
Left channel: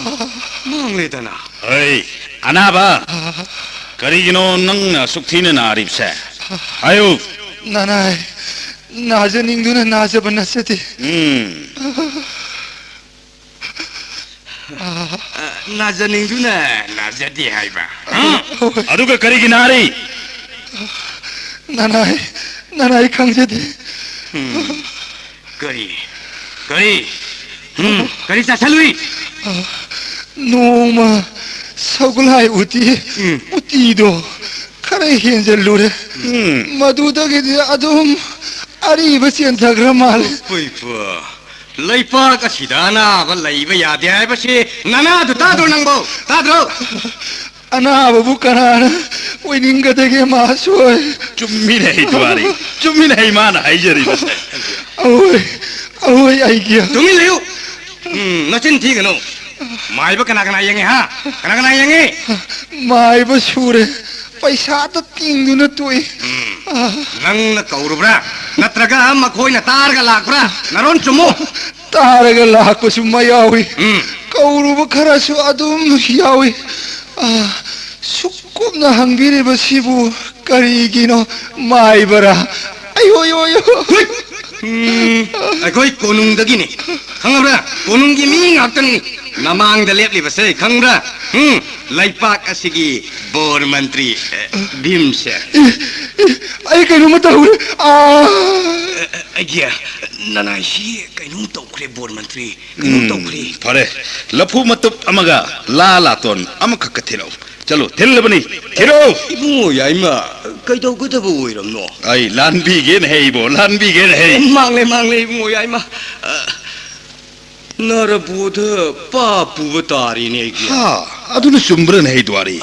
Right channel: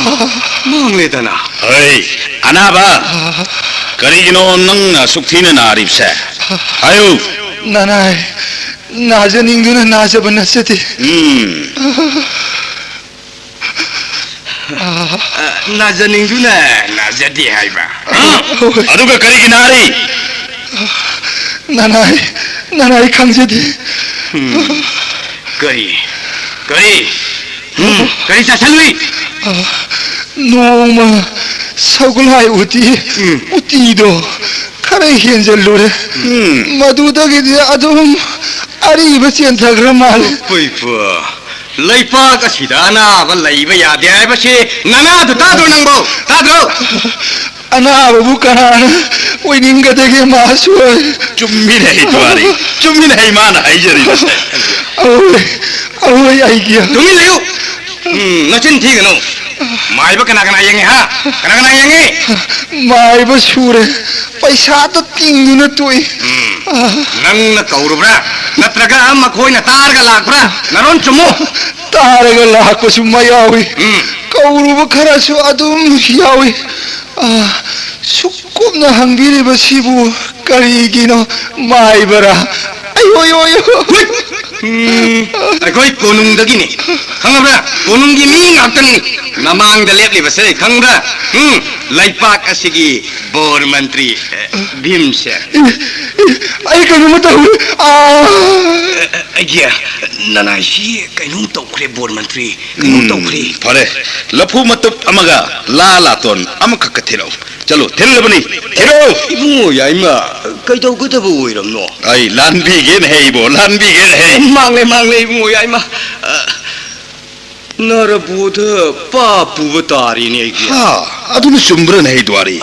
mangle dana hey anaba karigino nang sukthina naribse ayo 나나이 나저닝두는 나저번나세디 나저닝두나 나저디 하이바. 아두가 거리기 나리. 나나이 강제디. 거리. 거리 자살루이. 노마 서글하이 우띠도 카레 현절로레. 마두다게 아동 아리바시 안타그라말. 뿌이뿌. 레이파가 시다나 레이바 야디아이바시 나나도 따도 낭보 따도. 아나바부 까나나 왜닌가 되게 마수어. 좀미네 도아리. 좀미네 마나 아이저리. 아오이 아이기야. 동일래요. 너진 티그노. 마이바 까나까나 영해 하. 까나까나 영해. 마이바 수레 पैसा 띵누나 또이. नंग कौरबरा नत्रगा अम्मा कोई न तारगा लागबरा नरोन चुमो तारगा लाकसु मयावी कौरुब खरासु अदुम यावी सुकुमना हंगिरिबसिबु करिगिनो माइबरा 아이오요요. 아이고이 고능덕이니 강abra 고능기 미 앞더니 나망다 랩리버세 강abra 라이팍 아시기 보르 मंत्री भीमसे 아이 그놈 tahu 아이야 나나시 그놈 तौखरे bore मंत्री 그놈 तौखरे फरे लफू मतुप अमगा लालातोन अमखक थिरो चलो थिलबनी थिरो इबुंगो याइमा कइदौगदबो ओइरमनो आई लानबीगेन हेइबो लानबीगेन हे मांगले इबुंगो याइमा नरबोध पापुबतारिने आइया हा अदुन सुम्ब्रन हे द्वारी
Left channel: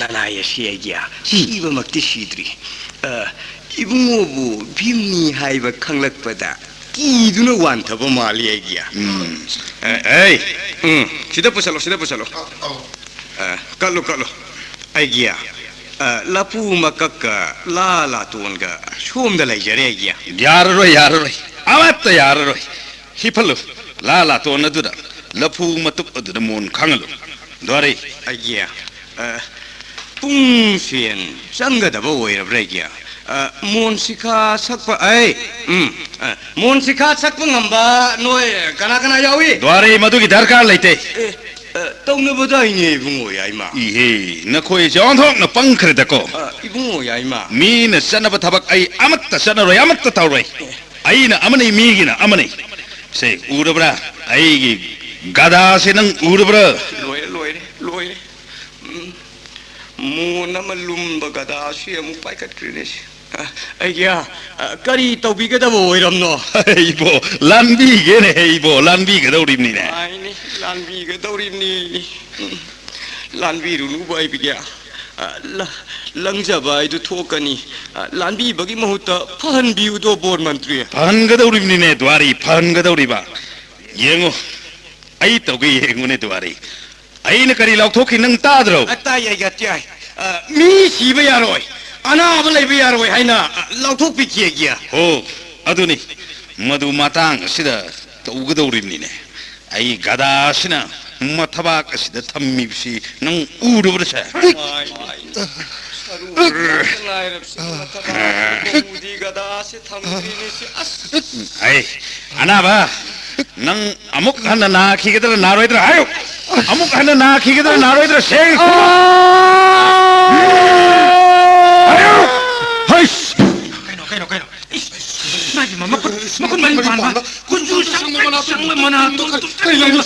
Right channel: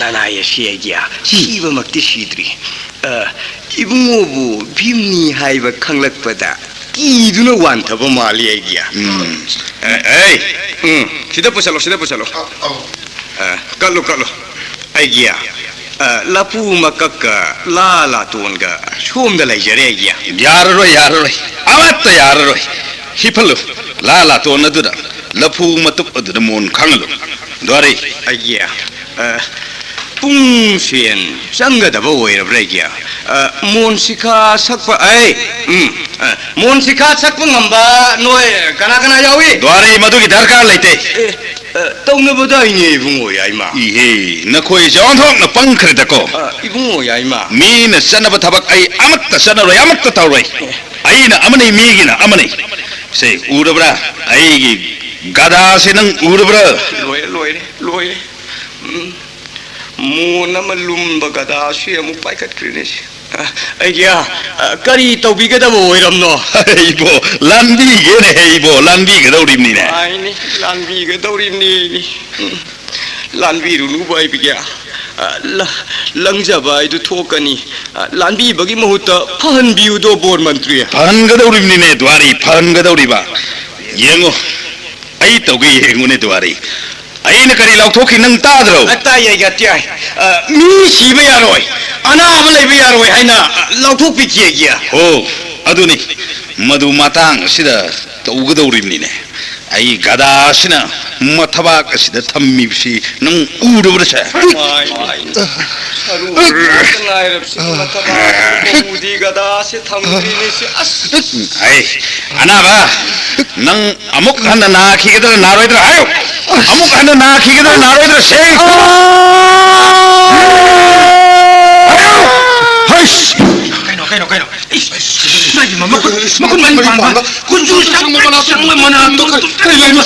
नानाय सियागिया सिबमक्ति सिद्री इबुंगोबो भीमनी हाइबा खंगलकपदा किदुना वान्थबो माली आइया सिदा पुछलो कलो आइया लपू मकक लाला तोनगा सोमदा लैजरे आइया याररोय अमत याररोय हिफलो लाला तोन अदुदा लफू मतुप अदुदा मोन खंगलो द्वारी आइया पुंसेन संगदबो ओइरब्रेगिया मोनसिखा सकप मोनसिखा सकप ngamba नोय कना यावी द्वारी मधुगी दरकार लेते तौनबदा इने इबुंगो याइमा इहे नखोय जोंथोक न पंखरदको इबुंगो याइमा मीन सनब थबक आई अमत सनरोय अमत तौरोय आईना अमने मीगिना अमने से उरबरा आईगी गदा से नंग उरबरा लोय मोनम लुम्ब गदा से अमु पाइकत क्रिनेश आइया करी तौबिगदबो ओइरमनो इबो लानबीगेन हेइबो लानबीगदौरिमनिने आइनी लानबीगदौरिमनि लानबीरुनु बाइबिया लंजबाइदु थोकनी लानबीबगी महुत फहनबियुदो बोर मंत्री फहनगदौरिमनिने द्वारी फहनगदौरिबा येंगो आई तौगे येंगोने द्वारी आईने करी लाउथोखि नंग ताद्रो तायगा त्याय मी सिबे यारोय अनाब लैबे यारोय हाइना लाउथोखि कियगिया हो अदुनि मधु मातांग सिदा तौगदौरिमनिने आई गदासिना मथबाक सिदा थम्मिबसि नंग उडुब्रसे आई अनाबा नंग अमुक हन नाखिगदर नारोइद्र आयो अमुक हन नाखिगदर नारोइद्र से आयो हस कइनो माइ मकुन माइ पांबा कुंजु संग मना तो कइलाइनो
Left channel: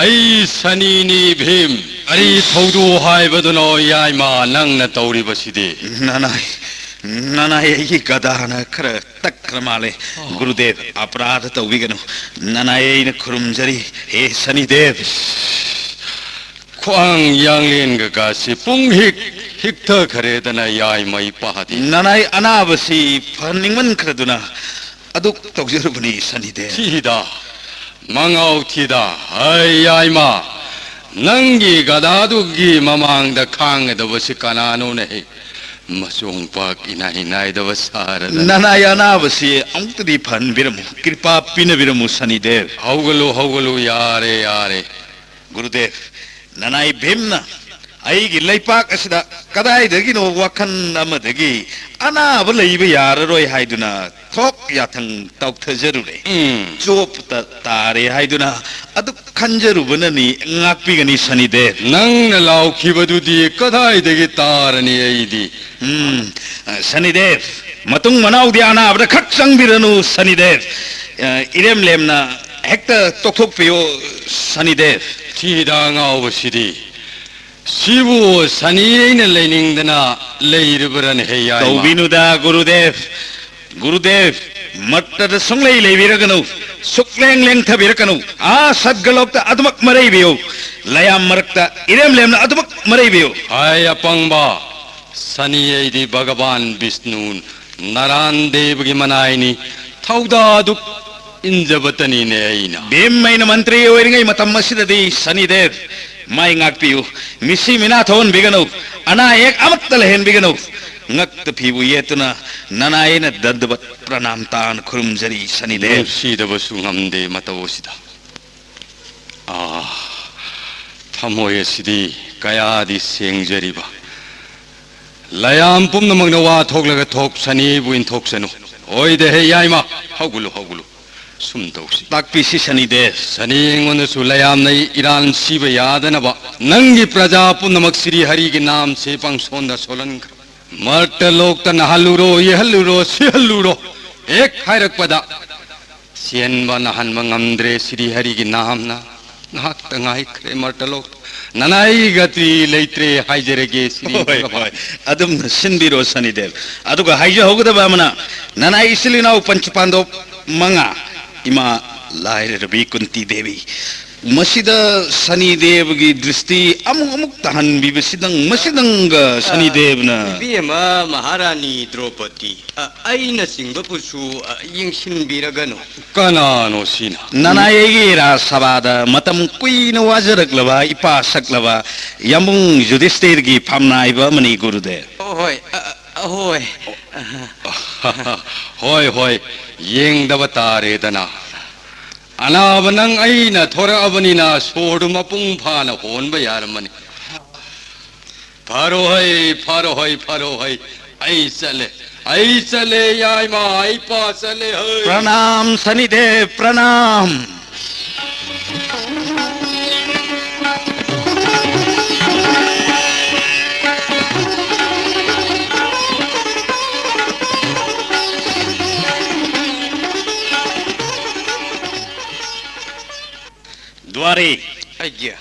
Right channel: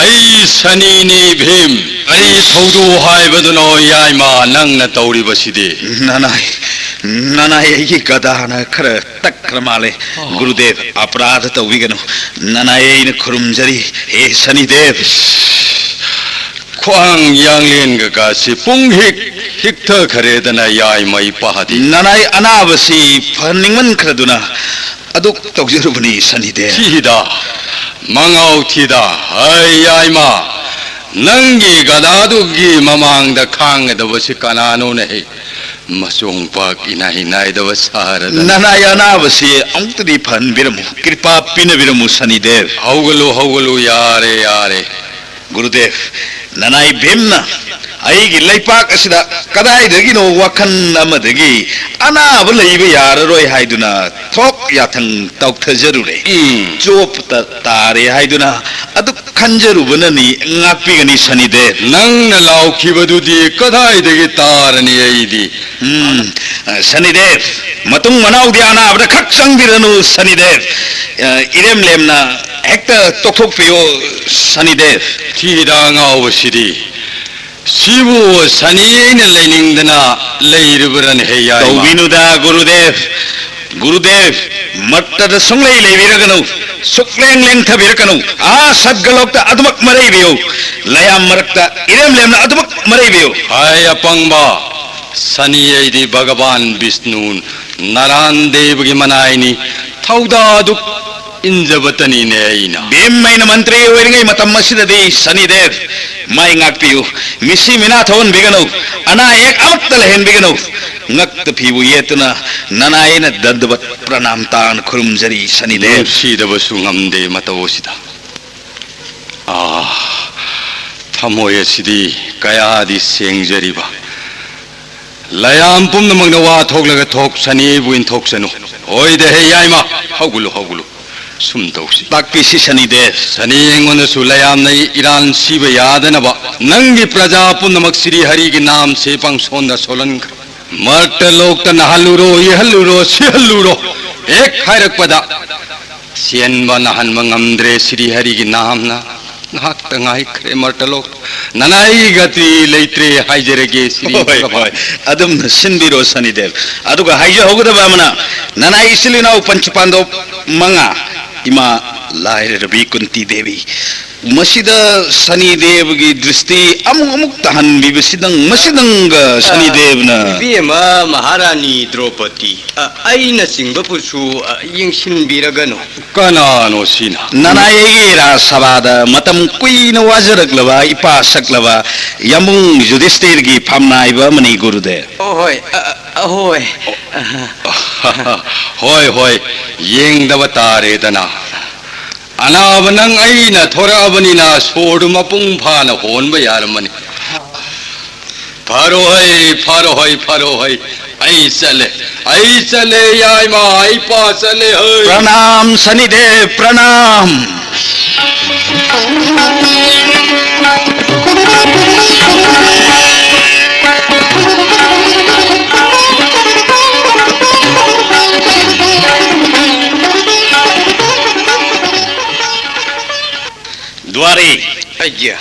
आई सनीनी भीम आई थौदो हाइबदनो याइमा नंगना तौरिबसिदि ननाय की गदाना खर तक्र माले गुरुदेव अपराध तौबिगनो ननाय न खुरुमजरी हे शनिदेव ख्वांग यांगलेन गकासि पुंहिक हिक्थ खरेदना याइ मई पहादि ननाय अनाबसी फनिंगमन खरदुना अदुक तौजरुबनी शनिदेव थिदा मंगाउ थिदा हाय याइमा नंगी गदादुगी ममांग द खांग दबसि कनानो नहि मसोंग पाक इनाई दब सारद ननाय अनाबसी अंतदी फन बिरमु कृपा पिन बिरमु शनिदेव हौगलो यारे गुरुदेव ननाई भीमना ꯑꯩꯒꯤ ꯂꯩꯄꯥꯛ ꯑꯁꯤꯗ ꯀꯗꯥꯏꯗꯒꯤꯅꯣ ꯋꯥꯈꯜ ꯑꯃꯗꯒꯤ ꯑꯅꯥꯕ ꯂꯩꯕ ꯌꯥꯔꯔꯣꯏ ꯍꯥꯏꯗꯨꯅ ꯊꯣꯛ ꯌꯥꯊꯪ ꯇꯧꯊꯖꯔꯨꯔꯦ ꯆꯣꯞꯇ ꯇꯥꯔꯦ ꯍꯥꯏꯗꯨꯅ ꯑꯗꯨ ꯈꯟꯖꯔꯨꯕꯅꯅꯤ ꯉꯥꯛꯄꯤꯒꯅꯤ ꯁꯅꯤꯗꯦꯕ ꯅꯪꯅ ꯂꯥꯎꯈꯤꯕꯗꯨꯗꯤ ꯀꯗꯥꯏꯗꯒꯤ ꯇꯥꯔꯅꯤ ꯑꯩꯗꯤ ꯁꯅꯤꯗꯦꯕ ꯃꯇꯨꯡ ꯃꯅꯥꯎꯗꯤ ꯑꯅꯥꯕꯗ ꯈꯛ ꯆꯪꯕꯤꯔꯅꯨ ꯁꯅꯤꯗꯦꯕ ꯏꯔꯦꯝ ꯂꯦꯝꯅ ꯍꯦꯛꯇ ꯇꯣꯛꯊꯣꯛꯄꯤꯌꯣ ꯁꯅꯤꯗꯦꯕ ꯊꯤꯗ ꯉꯥꯎꯕꯁꯤꯗꯤ ꯁꯤꯕꯨ ꯁꯅꯤ ꯑꯩꯅ ꯂꯩꯅꯤꯡꯗꯅ ꯂꯩꯔꯨꯕꯔꯅꯦ ꯍꯦ ꯌꯥꯏꯃ ꯇꯧꯕꯤꯅꯨꯗ ꯒꯨꯔꯨꯗꯦꯕ ꯒꯨꯔꯨꯗꯦꯕ ꯃꯠꯇꯗ ꯁꯨꯡꯂꯩ ꯂꯩꯕꯤꯔꯒꯅꯨ ꯁꯨꯛꯂꯦꯡ ꯂꯦꯡꯊꯕꯤꯔꯛꯀꯅꯨ ꯁꯠꯒꯂꯣꯛꯇ ꯑꯗꯨꯃꯛ ꯃꯔꯩꯕꯤꯌꯨ ꯂꯌꯥꯝ ꯃꯔꯛꯇ ꯏꯔꯦꯝ ꯂꯦꯝꯅ ꯑꯗꯨꯃꯛ ꯃꯔꯩꯕꯤꯌꯨ ꯍꯥꯏ ꯑꯄꯪꯕ ꯁꯅꯤ ꯑꯩꯗꯤ ꯚꯒवान ꯕꯤꯁꯅꯨ ꯅꯔꯥꯟ ꯗꯦꯕꯒꯤ ꯃꯅꯥꯏꯅꯤ ꯊꯧꯗꯥꯗꯨ 인자버더니네 이나 빔마이나 만트리 오이링의 마탐 마시다디 서니데브 마이 ꯉꯥꯛꯄꯤꯌꯨ 미시 미나 더운 비가노 아나액 아막달 헨 비가노 ꯉꯛꯇ 피부 예트나 나나에나 ದಂ드bat 프라남 taan खुरुमजरी 서니데브 시더버수 ngamde matawosida 타모예시디 가야디 생저리바 라얌 뿜는 와 톡라가 톡 서니 부인 톡세노 오이데 헤야이마 하굴루 숨도시 딱비시 서니데브 सनी इंगोन सुलयाम नहीं ईरान सीब याद न बा नंगी प्रजा पुनमक श्री हरि के नाम से पंगसोंदा सोलन मर्ट लोक त नहलुरो यहलुरो सिहलुरो एक खैरक पदा सियन ब नहन मंगमद्रे श्री हरि के नाम ना नाक तंगाई खरे मर्ट लोक ननाई गति लेत्रे हाइजरेगे श्री होय अदम सिनबिरो सनीदेव अदुगा हाइजे होगदबा मना ननाई सिलिनाउ पंचपांडो मंगा इमा लाइरबी कुंती देवी मसीदा सनीदेव की दृष्टि अमुक तहन बिबसिदंग मसीदंग सनीदेवना बीमा महारानी द्रौपदी अइना सिंगबपुसु यिंगसिनबिरगनो कनानो सिना ननायेगी रासभादा मतम कुइन वाजरकलबा इपा सकलबा यमुंग युधिष्ठिर की फमनाइबा मनी गुरुदेव होय होय होय येंगदब तारेदना अनाब नंग अइना थोराबनिना सोडु मपुंग फाना होनब यारमनि फारो है आई चले याइमा आई पा चले प्रणाम सनीदेव प्रणाम द्वारे अज्ञा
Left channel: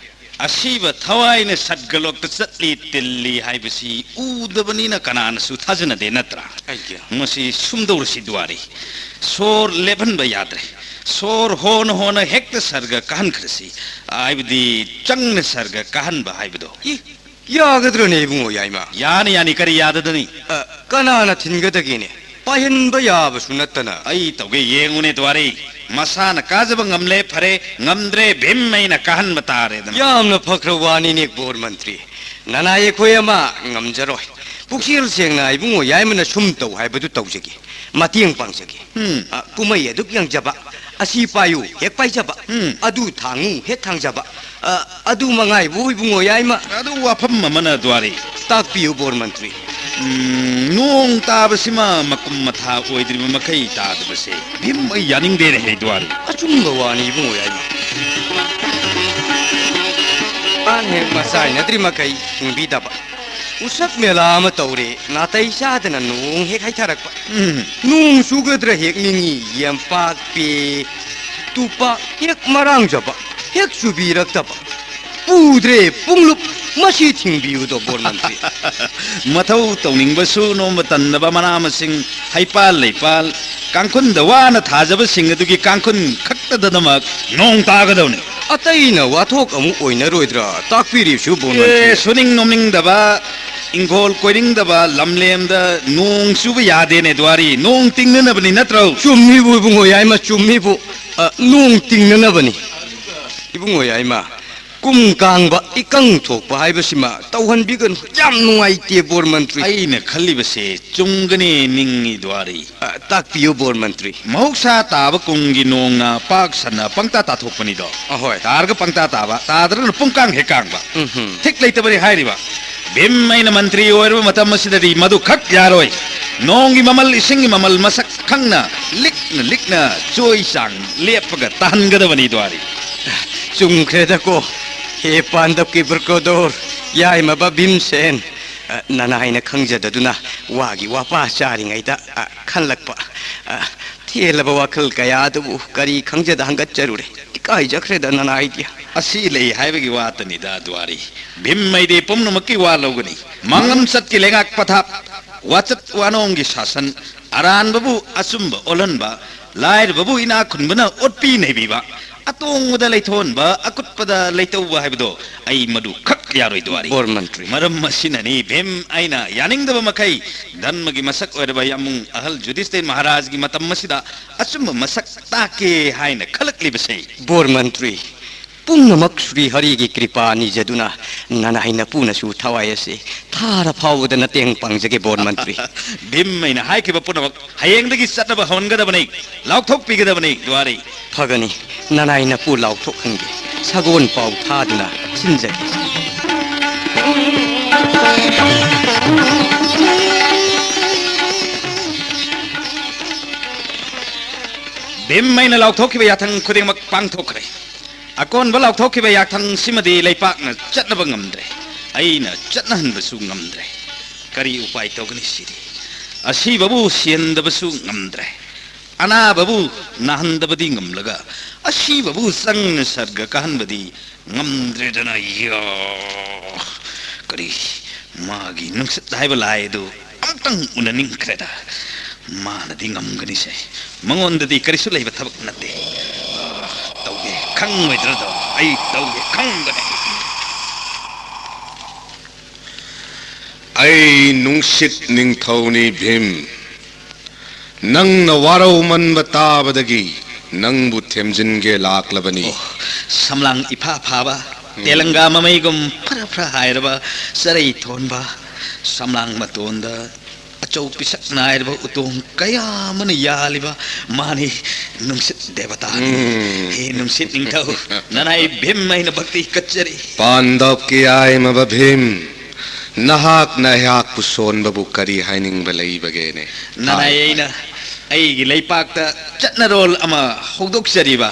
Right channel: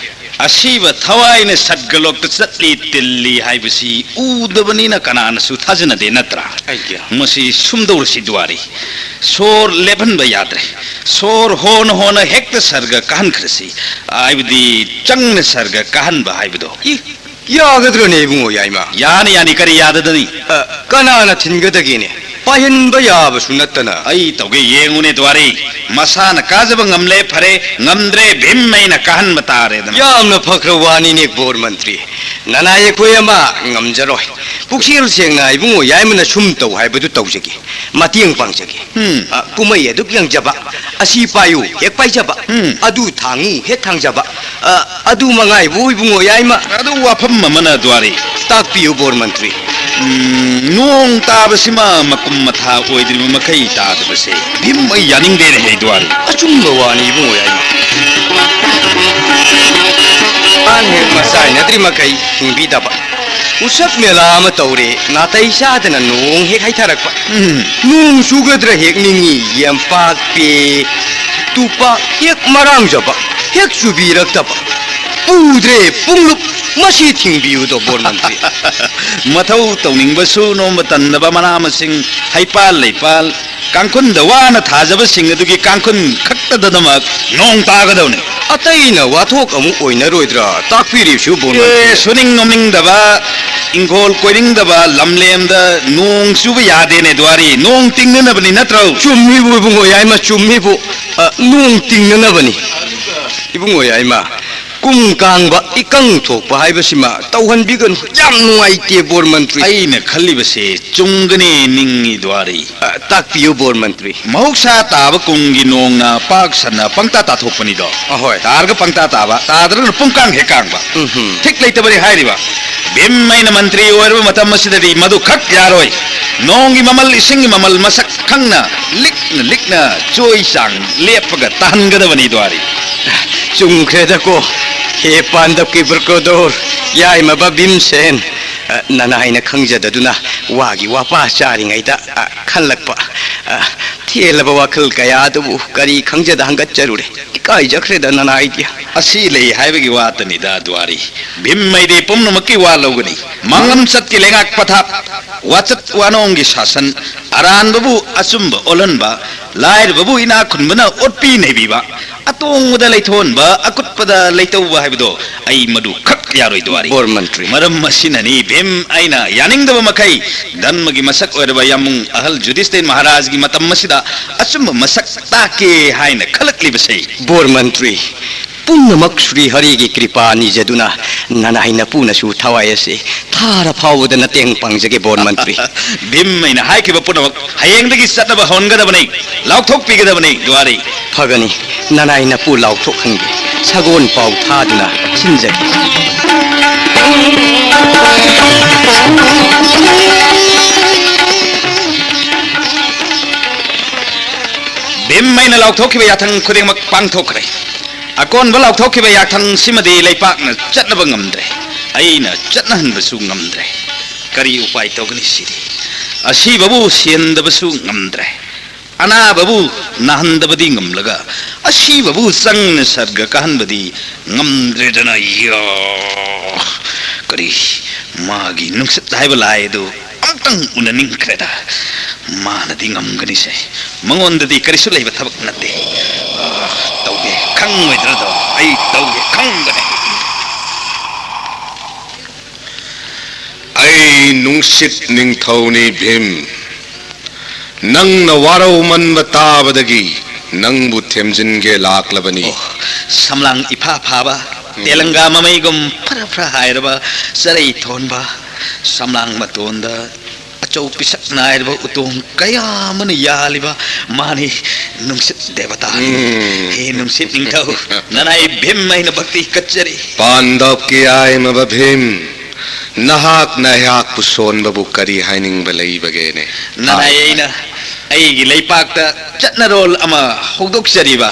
असीब थवाइन सद्गलोक चटली तिल्ली हाइबसी उदबनीना कनानसु थाजनदे नत्रा अज्ञा मसी सुमदौरसी द्वारे सोर लेभनब याद्रे सोर होन हेक्ट सर्ग कहन खरसी आइबदी चंगन सर्ग कहन बहाइबदो यागद्रने बुंगो याइमा यानी करी याददनी कनाना थिनगदगिने पायनब याबसु नत्तना आई तौगे येंगुने द्वारे मसान काजब ngamle फरे ngamdre भीमैना कहन बतारेदना यामना फख्रवानी ने बोर मंत्री ननाये कोयमा ngamjaroy पुक्सिर सेंगना इबुंगो याइमना सुम तौ हाइबदु तौजगे मतियंग पांगजगे कुमै अदुक यंगजबा असि पायु हेक पाइजबा अदु थांगु हेक थांगजबा अदु मंगाइ बु इबुंगो याइमा अदु वाफम ममना द्वारे ताकपियु बोर मंत्री नोंग ताबसिमा मकुम मथा ओइद्रिम मखै तादबसे भीम यानिंगदे रे द्वारे अचुंब वानी इबुंगो याइमा आन हेक Maasai नद्रि मखै हिंबिदबा उsak Mela ama tawre natai sadana nong hek haitharakpa nong sugadra hek ningi yampak pe tupa hek marang jaba hek subirakta udre punglup masi thingbiu do bor mantri mathau tawningbsu nombatannaba manamsing haipal leipal kangkhun dawana thajaba sing adugi kangkhun khaktadanamak nong tagadawne ataina wathok amu oinaroidra takpiri su bor mantri suning nomning daba ingol koiring daba lamlemda nong suba yadene dwari nong tingnana bani natrau chummi bu bungo yaima chummi bu nong tingnana bani ibungo yaima kum kangba ikang thokpa haibasima tauhanbigan yam nuaite bor mantri ꯑꯩꯅ ꯈꯜꯂꯤꯕꯁꯦ ꯆꯨꯝꯒꯅꯤ ꯅꯤꯡꯉꯤ ꯗ꯭ꯋꯥꯔꯤ takpiyo bor mantri ꯃꯍꯧꯁꯥ ꯇꯥꯕ ꯀꯨꯝꯒꯤ ꯅꯣꯡꯅ ꯄꯥꯛ ꯁꯟꯅ ꯄꯪꯇꯥ ꯇꯥꯊꯣꯛꯄꯅꯤꯗꯣ ahoy ꯇꯥꯔꯒ ꯄꯪꯇꯥ ꯇꯥꯕ ꯇꯥꯗ꯭ꯔꯒꯅ ꯄꯨꯡꯀꯥꯡ ꯍꯦꯛ ꯀꯥꯡꯕ ꯊꯤꯛ ꯂꯩꯇꯕꯅꯤ ꯍꯥꯏꯔꯤꯕ ꯚꯤꯝ ꯑꯩꯅ ꯃꯟꯇ꯭ꯔꯤ ꯑꯣꯏꯔꯕ ꯃꯇꯝ ꯑꯁꯤꯗꯗꯤ ꯃꯗꯨ ꯈꯛ ꯌꯥꯔꯣꯏ ꯅꯣꯡꯒꯤ ꯃꯃꯜ ꯏꯁꯤꯡꯒꯤ ꯃꯃꯜ ꯃꯁꯛ ꯈꯪꯅ ꯂꯤꯛꯅ ꯂꯤꯛꯅ ꯆꯣꯏ ꯆꯥꯡ ꯂꯦꯞꯄꯒ ꯇꯥꯍꯟꯒꯗꯕꯅꯤ ꯗ꯭ꯋꯥꯔꯤ chumkreda ko he pandap ki burkodor yai maba bimsen nanaina khangjadaduna wagi wapa charingaida khanlakpa thelaba wakhal kaya adu kari khangjada hangat charure kai jakreda nanaidia ꯑꯁꯤ ꯂꯩ ꯍꯥꯏꯕꯒꯤ ꯋꯥꯇꯅꯤꯗ ꯗ꯭ꯋꯥꯔꯤ ꯚꯤꯝ ꯃꯩꯗꯤ ꯄꯨꯝꯅꯃꯛꯀꯤ ꯋꯥ ꯂꯧꯒꯅꯤ ꯃꯪꯉꯝ ꯆꯠꯀꯤ ꯂꯩꯉꯥꯛ ꯄꯊꯥꯞ ꯋꯥꯆꯠ ꯋꯥꯅꯣꯡꯒꯤ ꯁꯥꯁꯟ ꯑꯔꯥꯟꯕꯕꯨ ꯑꯆꯨꯝꯕ ꯑꯣꯜꯍꯟꯕ ꯂꯥꯏꯔꯕꯕꯨ ꯏꯅꯥꯛ ꯈꯨꯟꯕꯅ ꯑꯣꯠꯄꯤ ꯅꯩꯕꯤꯕ ꯑꯇꯣꯡꯕꯗ ꯂꯩꯊꯣꯟꯕ ꯑꯀꯨꯠꯄꯗ ꯂꯩꯇꯧꯕ ꯍꯥꯏꯕꯗꯣ ꯑꯩ ꯃꯗꯨ ꯈꯛ ꯌꯥꯔꯣꯏ ꯗ꯭ꯋꯥꯔꯤ bor mantri ꯃꯔꯝ ꯑꯁꯤꯅꯅꯤ ꯚꯤꯝ ꯑꯩꯅ ꯌꯥꯅꯤꯡꯗꯕ ꯃꯈꯩ ꯙꯔꯃꯒꯤ ꯃꯁꯛ ꯑꯣꯏꯔꯕ ꯌꯥꯃꯨꯡ ꯑꯍꯜ ꯖꯨꯙꯤꯁꯊꯤꯔ ꯃꯍꯥꯔꯥꯖꯒꯤ ꯃꯇꯝ ꯑꯁꯤꯗ ꯑꯆꯨꯝꯕ ꯃꯁꯛ ꯇꯥꯛꯀꯦ ꯍꯥꯏꯅ ꯈꯜꯂꯛꯂꯤꯕꯁꯦ bor mantri punnamak Sri Hari gi kripa nijaduna nanaina punasu thawai ase thara phawda na teng pangjage bor mantri ꯚꯤꯝ ꯑꯩꯅ ꯍꯥꯏꯈꯤꯕ ꯄꯨꯝꯅꯃꯛ ꯍꯌꯦꯡꯗꯒꯤ ꯆꯠꯅꯕ ꯍꯧꯍꯟꯒꯗꯕꯅꯤ ꯂꯥꯎꯊꯣꯛꯄꯤꯒꯗꯕꯅꯤ ꯗ꯭ꯋꯥꯔꯤ phagani nanaina pu lauthok hange sagon pau thaduna sinjage ꯚꯤꯝ ꯑꯩꯅ ꯂꯥꯎꯊꯣꯛꯈꯤꯕ ꯌꯥꯊꯪ ꯈꯨꯗꯤꯡꯃꯛ ꯄꯥꯡꯊꯣꯛꯈ꯭ꯔꯦ ꯑꯀꯣꯟꯕ ꯂꯥꯎꯊꯣꯛꯈꯤꯕ ꯌꯥꯊꯪ ꯁꯤꯃꯗꯤ ꯂꯩꯄꯥꯛꯅ ꯆꯠꯅꯕ ꯉꯝꯗ꯭ꯔꯦ ꯑꯩꯅ ꯆꯠꯅꯍꯟꯕꯁꯨ ꯉꯝꯗ꯭ꯔꯦ ꯀꯔꯤ ꯎꯄꯥꯏ ꯇꯧꯒꯅꯤ ꯁꯤꯗꯤ ꯑꯁꯤꯕꯕꯨ ꯁꯤꯍꯟꯗꯕꯁꯨ ꯉꯝꯗ꯭ꯔꯦ ꯑꯅꯥꯕꯕꯨ ꯅꯥꯍꯟꯗꯕꯗꯤ ꯉꯝꯂꯒ ꯑꯁꯤꯕꯕꯨ ꯆꯪꯅ ꯁꯔꯒ ꯀꯥꯍꯟꯕꯗꯤ ꯉꯝꯗ꯭ꯔꯦꯗꯅ ꯀꯔꯤ ꯃꯥꯒꯤ ꯅꯨꯡꯁꯤꯠ ꯍꯥꯏꯕ ꯂꯥꯏ ꯑꯗꯨ ꯑꯃꯨꯛꯇꯪ ꯎꯅꯅꯤꯡꯈ꯭ꯔꯦꯗ ꯃꯥꯅꯗꯤ ꯉꯝꯒꯅꯤꯁꯦ ꯃꯉꯣꯟꯗꯗꯤ ꯀꯔꯤꯁꯨ ꯂꯩꯕ ꯊꯕꯛ ꯅꯠꯇꯦ ꯇꯧꯒꯦ ꯈꯪꯉꯣꯏꯗ꯭ꯔꯗꯣ ꯑꯩ ꯇꯧꯒꯦ ꯈꯪꯒꯅꯤ ꯑꯩ ꯅꯨꯡꯁꯤꯠ ꯅꯤꯡꯊꯧꯅꯤ ꯚꯤꯝ ꯅꯪꯅ ꯋꯥꯔꯧ ꯃꯟꯕ ꯇꯥꯕꯗꯒꯤ ꯅꯪꯕꯨ ꯊꯦꯝꯖꯤꯟꯒꯦ ꯂꯥꯛꯂꯕꯅꯤ ꯁꯝꯂꯥꯡ ꯏꯐꯥ ꯐꯥꯕ ꯇꯦꯂꯪꯒꯥ ꯃꯃꯩꯒꯨꯝ ꯐꯔ ꯐꯔ ꯍꯥꯏꯔꯕ ꯆꯔꯩ ꯊꯣꯟꯕ ꯁꯝꯂꯥꯡ ꯃꯇꯣꯟꯗ ꯑꯆꯧ ꯄꯤꯁꯛ ꯅꯥꯏꯔꯕ ꯎꯇꯣꯡ ꯀꯌꯥ ꯑꯃꯅ ꯌꯥꯜꯂꯤꯕ ꯃꯥꯅꯤ ꯅꯨꯡꯁꯤꯠ ꯗꯦꯕꯇꯥ ꯍꯦ ꯅꯨꯡꯁꯤꯠ ꯅꯤꯡꯊꯧ ꯅꯅꯥꯏ ꯚꯤꯝ ꯑꯩꯅ ꯚꯛꯇꯤ ꯀꯠꯆꯔꯤ ꯄꯥꯟꯗꯞꯀꯤ ꯌꯥꯏꯃꯕ ꯚꯤꯝ ꯅꯍꯥꯛꯅ ꯑꯩꯍꯥꯛꯄꯨ ꯁꯣꯟꯕꯕꯨ ꯀꯔꯤ ꯍꯥꯏꯅꯤꯡꯕ ꯂꯩꯕꯒꯦꯅꯦ ꯅꯅꯥꯏ ꯑꯩꯅ ꯑꯩꯒꯤ ꯂꯩꯄꯥꯛꯇ ꯆꯠꯅꯔꯣꯜ ꯑꯃ ꯍꯧꯗꯣꯛꯆꯔꯤꯕ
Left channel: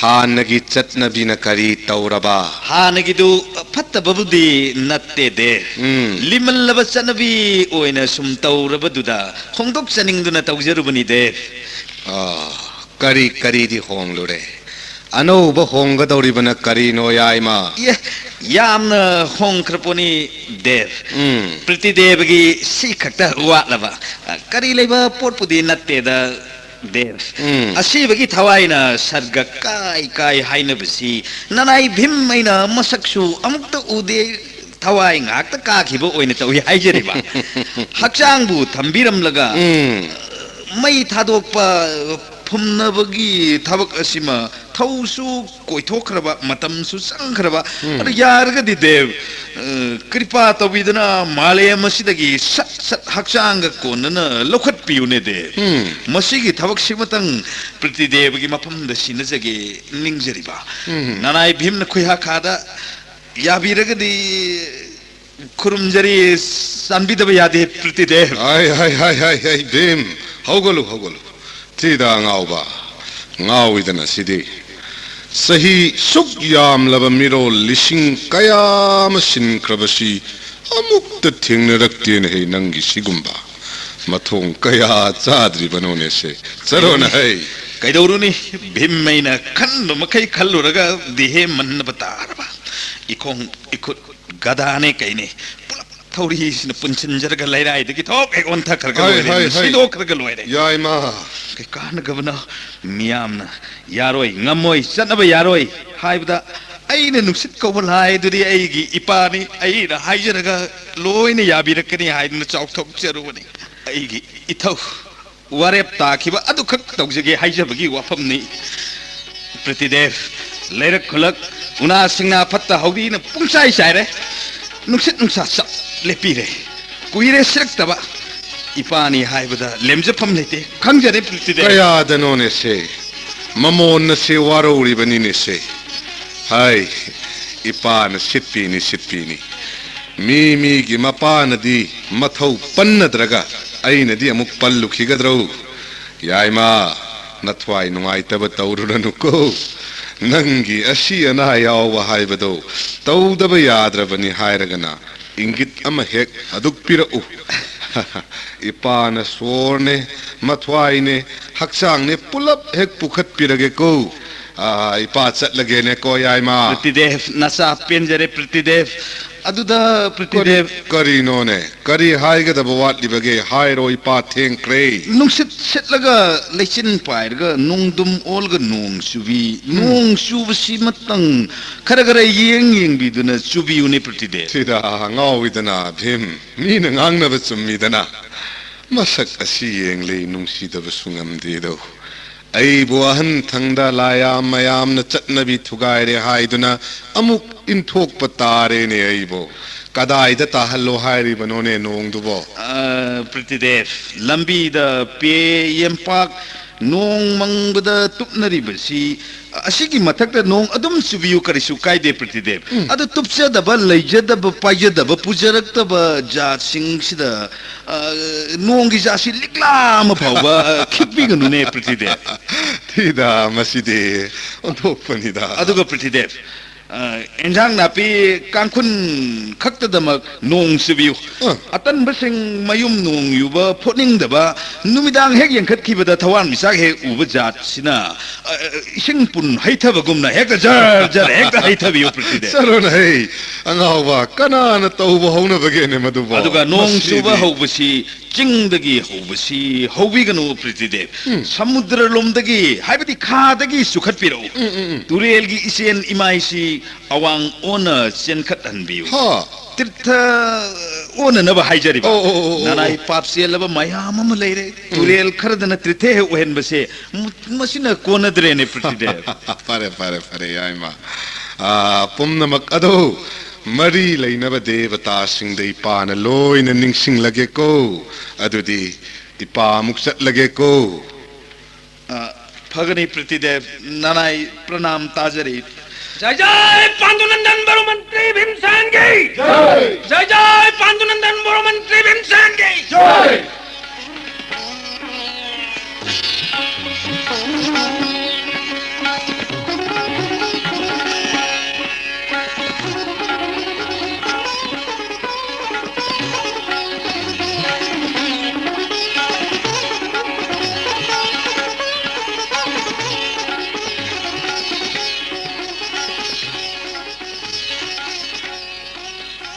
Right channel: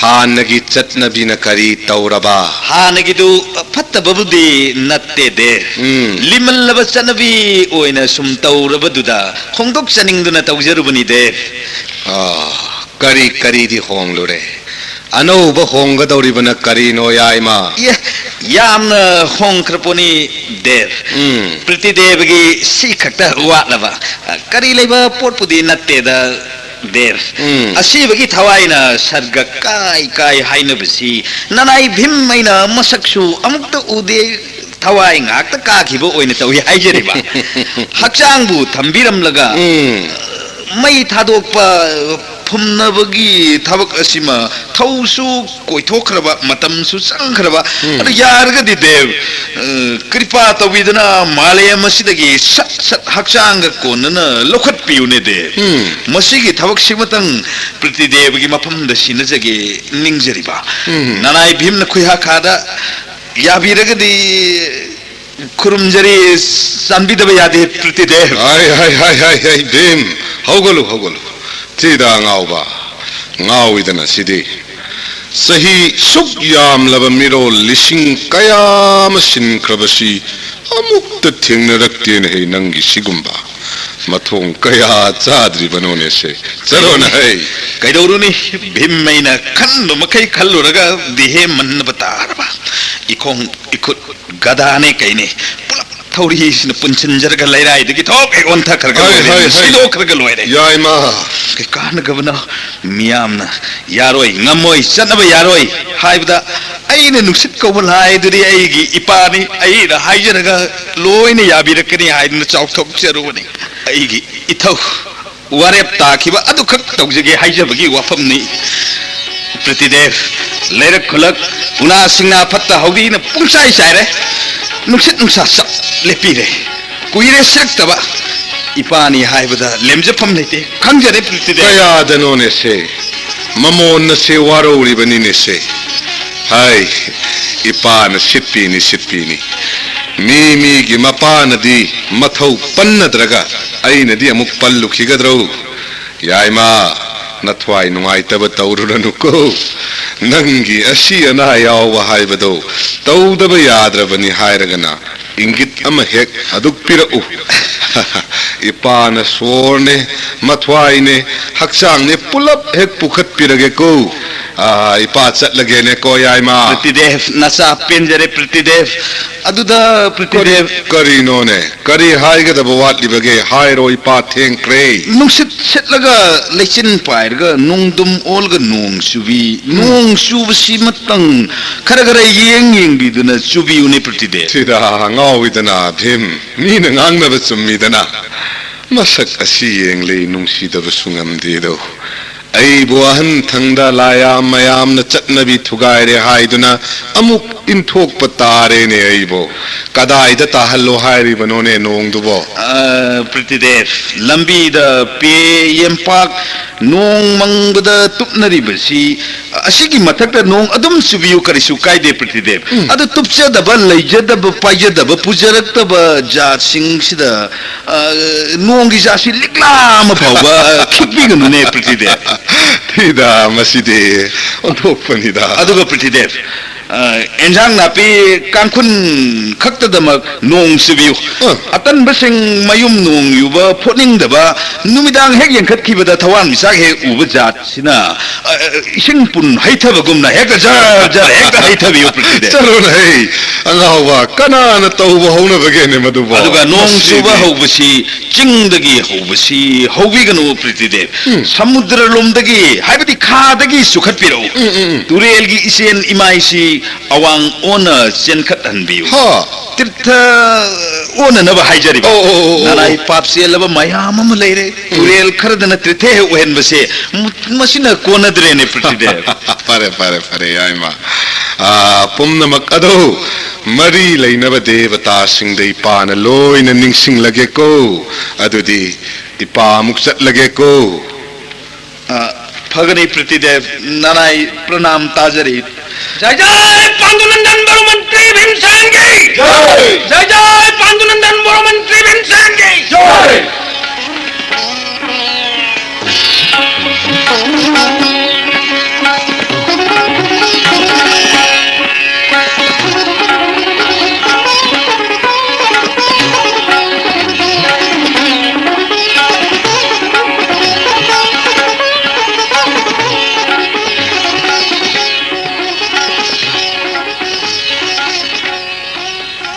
ꯍꯥꯟꯅꯒꯤ ꯆꯠꯅꯕꯤꯅ ꯀꯔꯤ ꯇꯧꯔꯕ ꯍꯥꯟꯅꯒꯤꯗꯨ ꯐꯠꯇꯕꯕꯨꯗꯤ ꯅꯠꯇꯦꯗꯦ ꯂꯤꯃꯜꯂꯕ ꯆꯠꯅꯕꯤ ꯑꯣꯏꯅ ꯁꯨꯝ ꯇꯧꯔꯕꯗꯨꯗ ꯍꯣꯡꯗꯣꯛꯆꯅꯤꯡꯗꯨꯅ ꯇꯧꯖꯔꯨꯕꯅꯤꯗꯦ ꯀꯔꯤ ꯀꯔꯤꯗꯤ ꯍꯣꯡꯂꯨꯔꯦ ꯑꯅꯧꯕ ꯍꯣꯡꯒꯗꯧꯔꯤꯕꯅ ꯀꯔꯤꯅꯣ ꯌꯥꯏꯃ ꯌꯥꯝꯅ ꯍꯣꯡꯈ꯭ꯔꯄꯣꯅꯤ ꯗꯦꯕ ꯄ꯭ꯔꯤꯇꯤꯗꯦꯕꯒꯤ ꯁꯤ ꯈꯛꯇ ꯋꯥꯠꯂꯕ ꯀꯔꯤ ꯂꯩꯕ ꯄꯣꯠꯄꯨꯗꯤ ꯅꯠꯇꯦꯗ ꯗꯦꯕ ꯑꯁꯤꯕꯒꯤ ꯊꯋꯥꯏꯅ ꯁꯔꯒ ꯀꯥꯏ ꯀꯥꯏ ꯍꯥꯏꯅꯕꯁꯤ ꯅꯅꯥꯏ ꯚꯤꯝ ꯑꯩꯅ ꯃꯁꯛꯁꯨ ꯑꯃꯨꯛꯇ ꯎꯗꯦ ꯊꯋꯥꯏ ꯉꯥꯛꯇ ꯀꯥꯈꯤꯕ ꯑꯣꯏꯅ ꯇꯧꯏ ꯍꯥꯏꯖꯔꯤꯕ ꯍꯛꯆꯥꯡꯕꯨ ꯊꯝꯕꯤꯔꯝꯂꯒ ꯃꯩ ꯊꯥꯗꯣꯛꯄ ꯐꯨꯝꯅꯕꯒꯤ ꯊꯕꯛ ꯑꯁꯤꯃ ꯊꯧꯁꯨ ꯀꯣꯏꯊꯣꯛꯈ꯭ꯔꯕ ꯃꯇꯝꯁꯨ ꯆꯪꯈ꯭ꯔꯕ ꯑꯗꯨ ꯌꯥꯔꯒꯗꯤ ꯗꯦꯕ ꯀ꯭ꯔꯤꯄꯥ ꯇꯧꯕꯤꯗꯨꯅ ꯃꯥꯂꯦꯝ ꯑꯁꯤꯗꯒꯤ ꯁꯠ ꯁꯠ ꯍꯛꯆꯥꯡꯒ ꯀꯣꯟꯅꯅ ꯂꯧꯈꯠꯄꯤꯌꯨꯅꯦ ꯗꯦꯕ ꯃꯁꯤꯒꯤ ꯊꯕꯛꯁꯤꯃꯇꯪ ꯄ꯭ꯔꯤꯇꯤꯗꯦꯕꯒꯤ ꯃꯐꯝꯗ ꯁꯤꯟꯅꯖꯒꯦ ꯅꯤꯡꯖꯔꯤꯕ ꯅꯅꯥꯏ ꯚꯤꯝꯅ ꯈꯨꯌꯥꯈꯥꯗ ꯌꯥꯕꯤꯔꯒꯗꯤ ꯈꯨꯔꯨꯝꯖꯔꯤ ꯆꯥꯟꯕꯤꯗꯕ ꯌꯥꯗꯦ ꯄ꯭ꯔꯤꯇꯤꯗꯦꯕ ꯍꯥꯏ ꯚꯤꯝ ꯍꯧꯒꯠꯂꯨ ꯍꯧꯒꯠꯂꯨ ꯊꯤꯗ ꯉꯥꯎꯕ ꯉꯥꯎꯏꯗꯅ ꯁꯤꯗꯤ ꯆꯍꯤ ꯁꯨꯛ ꯌꯥꯝꯂꯕ ꯃꯤꯔꯣꯜ ꯂꯤꯁꯤꯡ ꯀꯌꯥ ꯑꯃ ꯁꯤꯟꯈ꯭ꯔꯕꯁꯤ ꯑꯃꯨꯛꯇ ꯊꯦꯡꯅꯔꯛꯇꯦꯅ ꯍꯦ ꯅꯪꯒꯤ ꯁꯤꯒꯨꯝꯕ ꯃꯊꯣꯡ ꯀꯌꯥ ꯆꯥꯗ꯭ꯔꯤꯕꯅꯣꯅꯦꯁꯦ ꯆꯠꯂꯣꯅ ꯍꯩ ꯀꯩꯗꯧꯔꯨꯅꯤ ꯚꯤꯝ ꯑꯩꯅ ꯈꯟꯕ ꯃꯈꯩ ꯈꯜꯂꯨꯔꯒ ꯗꯤꯍꯦ ꯃꯟꯅꯕ ꯇꯥꯔꯕ ꯏꯈꯣꯡ ꯏꯈꯨꯠ ꯒꯗꯥꯅꯦ ꯀꯩꯅꯦ ꯄꯨꯂꯞ ꯊꯧꯔꯤꯁꯤꯅ ꯄꯨꯟꯁꯤꯟꯖꯔꯒ ꯂꯩꯔꯥꯏꯗꯒꯤ ꯊꯣꯛ ꯍꯦꯛ ꯑꯣꯟꯊꯈ꯭ꯔꯒ ꯂꯣꯏꯔꯦ ꯁꯤꯗꯣꯛꯈ꯭ꯔꯒ ꯂꯣꯏꯔꯦ ꯌꯥꯏꯃ ꯀꯩ ꯀꯥꯟꯅꯒꯕꯅ ꯃꯤꯌꯥꯝꯅ ꯌꯥꯔꯣꯏ ꯉꯝꯃꯣꯏ ꯆꯠꯅꯕ ꯌꯥꯔꯣꯏ ꯍꯥꯏꯕꯗ ꯑꯩꯅ ꯅꯨꯡꯁꯤꯠ ꯀꯧꯕ ꯂꯥꯏꯗꯨꯗꯤ ꯑꯩꯒꯤ ꯏꯄꯥꯅꯤ ꯑꯩꯅ ꯍꯥꯏꯖꯔꯒ ꯂꯣꯏꯅ ꯌꯥꯕꯤꯔꯛꯀꯅꯤ ꯍꯥꯏꯗꯨꯅ ꯆꯥꯎꯊꯣꯛꯆꯔꯨꯕꯅꯤ ꯑꯩꯒꯤ ꯏꯊꯧ ꯋꯥꯔꯦꯞ ꯇꯥꯈꯤꯕ ꯑꯗꯨꯈꯛ ꯇꯧꯖꯒꯦ ꯍꯥꯏꯖꯕꯒꯤ ꯋꯥꯐꯝꯅꯤ ꯄ꯭ꯔꯤꯇꯤꯗꯦꯕ ꯂꯩꯔꯛ ꯈꯨꯂꯛ उना सिंगना फत्ता हौदी न पुंगसाई साइरे नुसित नुसा सब लेपीरे कुइरे सिरक्तबा इपानी हाइबदा लेमजफम लेते खंजरे प्रीतिदेव कयादनोने से ममोन से वारोरी ने से हाय इपान सिप्पीनी मी की मपानदी मथौ पन्नद्रगा अइनदी अमुक पल्लुखिगद्रौ याइमा नथवाई नुंगाइतब तौरुरनुको नंगी असी अना याव हाइबदो तौदब याद्रबनी हाइरगना इंगित अम हेक अदुक पिरउ इपान सोरने मथवाई ने हक्सांग ने पुलप हेक पुखत पिरगे को इपा चटलगे ने को याइमा प्रतिदेव नसा पिंजरे प्रतिदेव अदुदा प्रतिदेव करीनो ने करी हाइगदब वाटलिबगे हाइरो इपा थेंक्रे नुसित छेटलगा लेचिन पाइरगा नुंगदुम ओलगा नोंग सुबसी मतंग खरगरे येंग बिदुना सुबी उने प्रतिदेव सिरा ngawiदना भीम मीन ngangnaba chummidana masak asi yengle nungsidaba sungamdedo ai buahan thangda layam mayam na chatnabi thugaire haiduna amuk inthok patare ne aibo kadai da tahallo hairi banone nongdubo प्रतिदेव लंबी द पे यमपाक नोंग मंगबदा तुपनरी बसी असिगी मथक नोंग अदुम सुबियु करिसु कायदे प्रतिदेव अद तुपचदब लैजदब पायदब पुजरक्तब जात सिंगसिदा नोंगी जासि लिक्लाम फावबा खिबिगनुने प्रतिदेव थिदा मसिदे ओथोपनिदा अदुगा प्रतिदेव एंजांग नापी कांखुन खक्तदमक नोंग सिबियु अतन बसिंग मयुम नोंग युबा फोनिंगदबा नुमिदांग हेक यंखतखिबदा थवान मिसाक हे उब जात सिना इसिंग पुन हैथबगुमना हेक जा हेक हैथबियु प्रतिदे चलो नै अंगावा कनान तौबा हौना बगेने मदुबा अदुगा नोंग सुबा हौबसी चिंगदगी हौबसी हौबिगनु प्रतिदेव समुद्र लोमदगी हाइबदी खादगी सुखतपिरो तुरेलगी इसेन इमाइसी अवांग ओना चेनखत हनबियु हा तीर्थ ओना नब हाइजरि नाराय पाप सेलब मयाम म लेरे तुरेल खरदन तीर्थे ओहेन बसे मसिना कोनद्रेने प्रतिदेव फरे याइमा पुमनमक अदो मरी लैनब देवता सिंह इपान लोइन निंगसिंग लगे को अदुदी इपा मुक चटलगे को फगनी प्रतिदेव नाराय प्रणाम ताजरी जय जय पांडुनंदन बड़ो मंत्री भीमसेन की जय जय पांडुनंदन बड़ो मंत्री भीमसेन की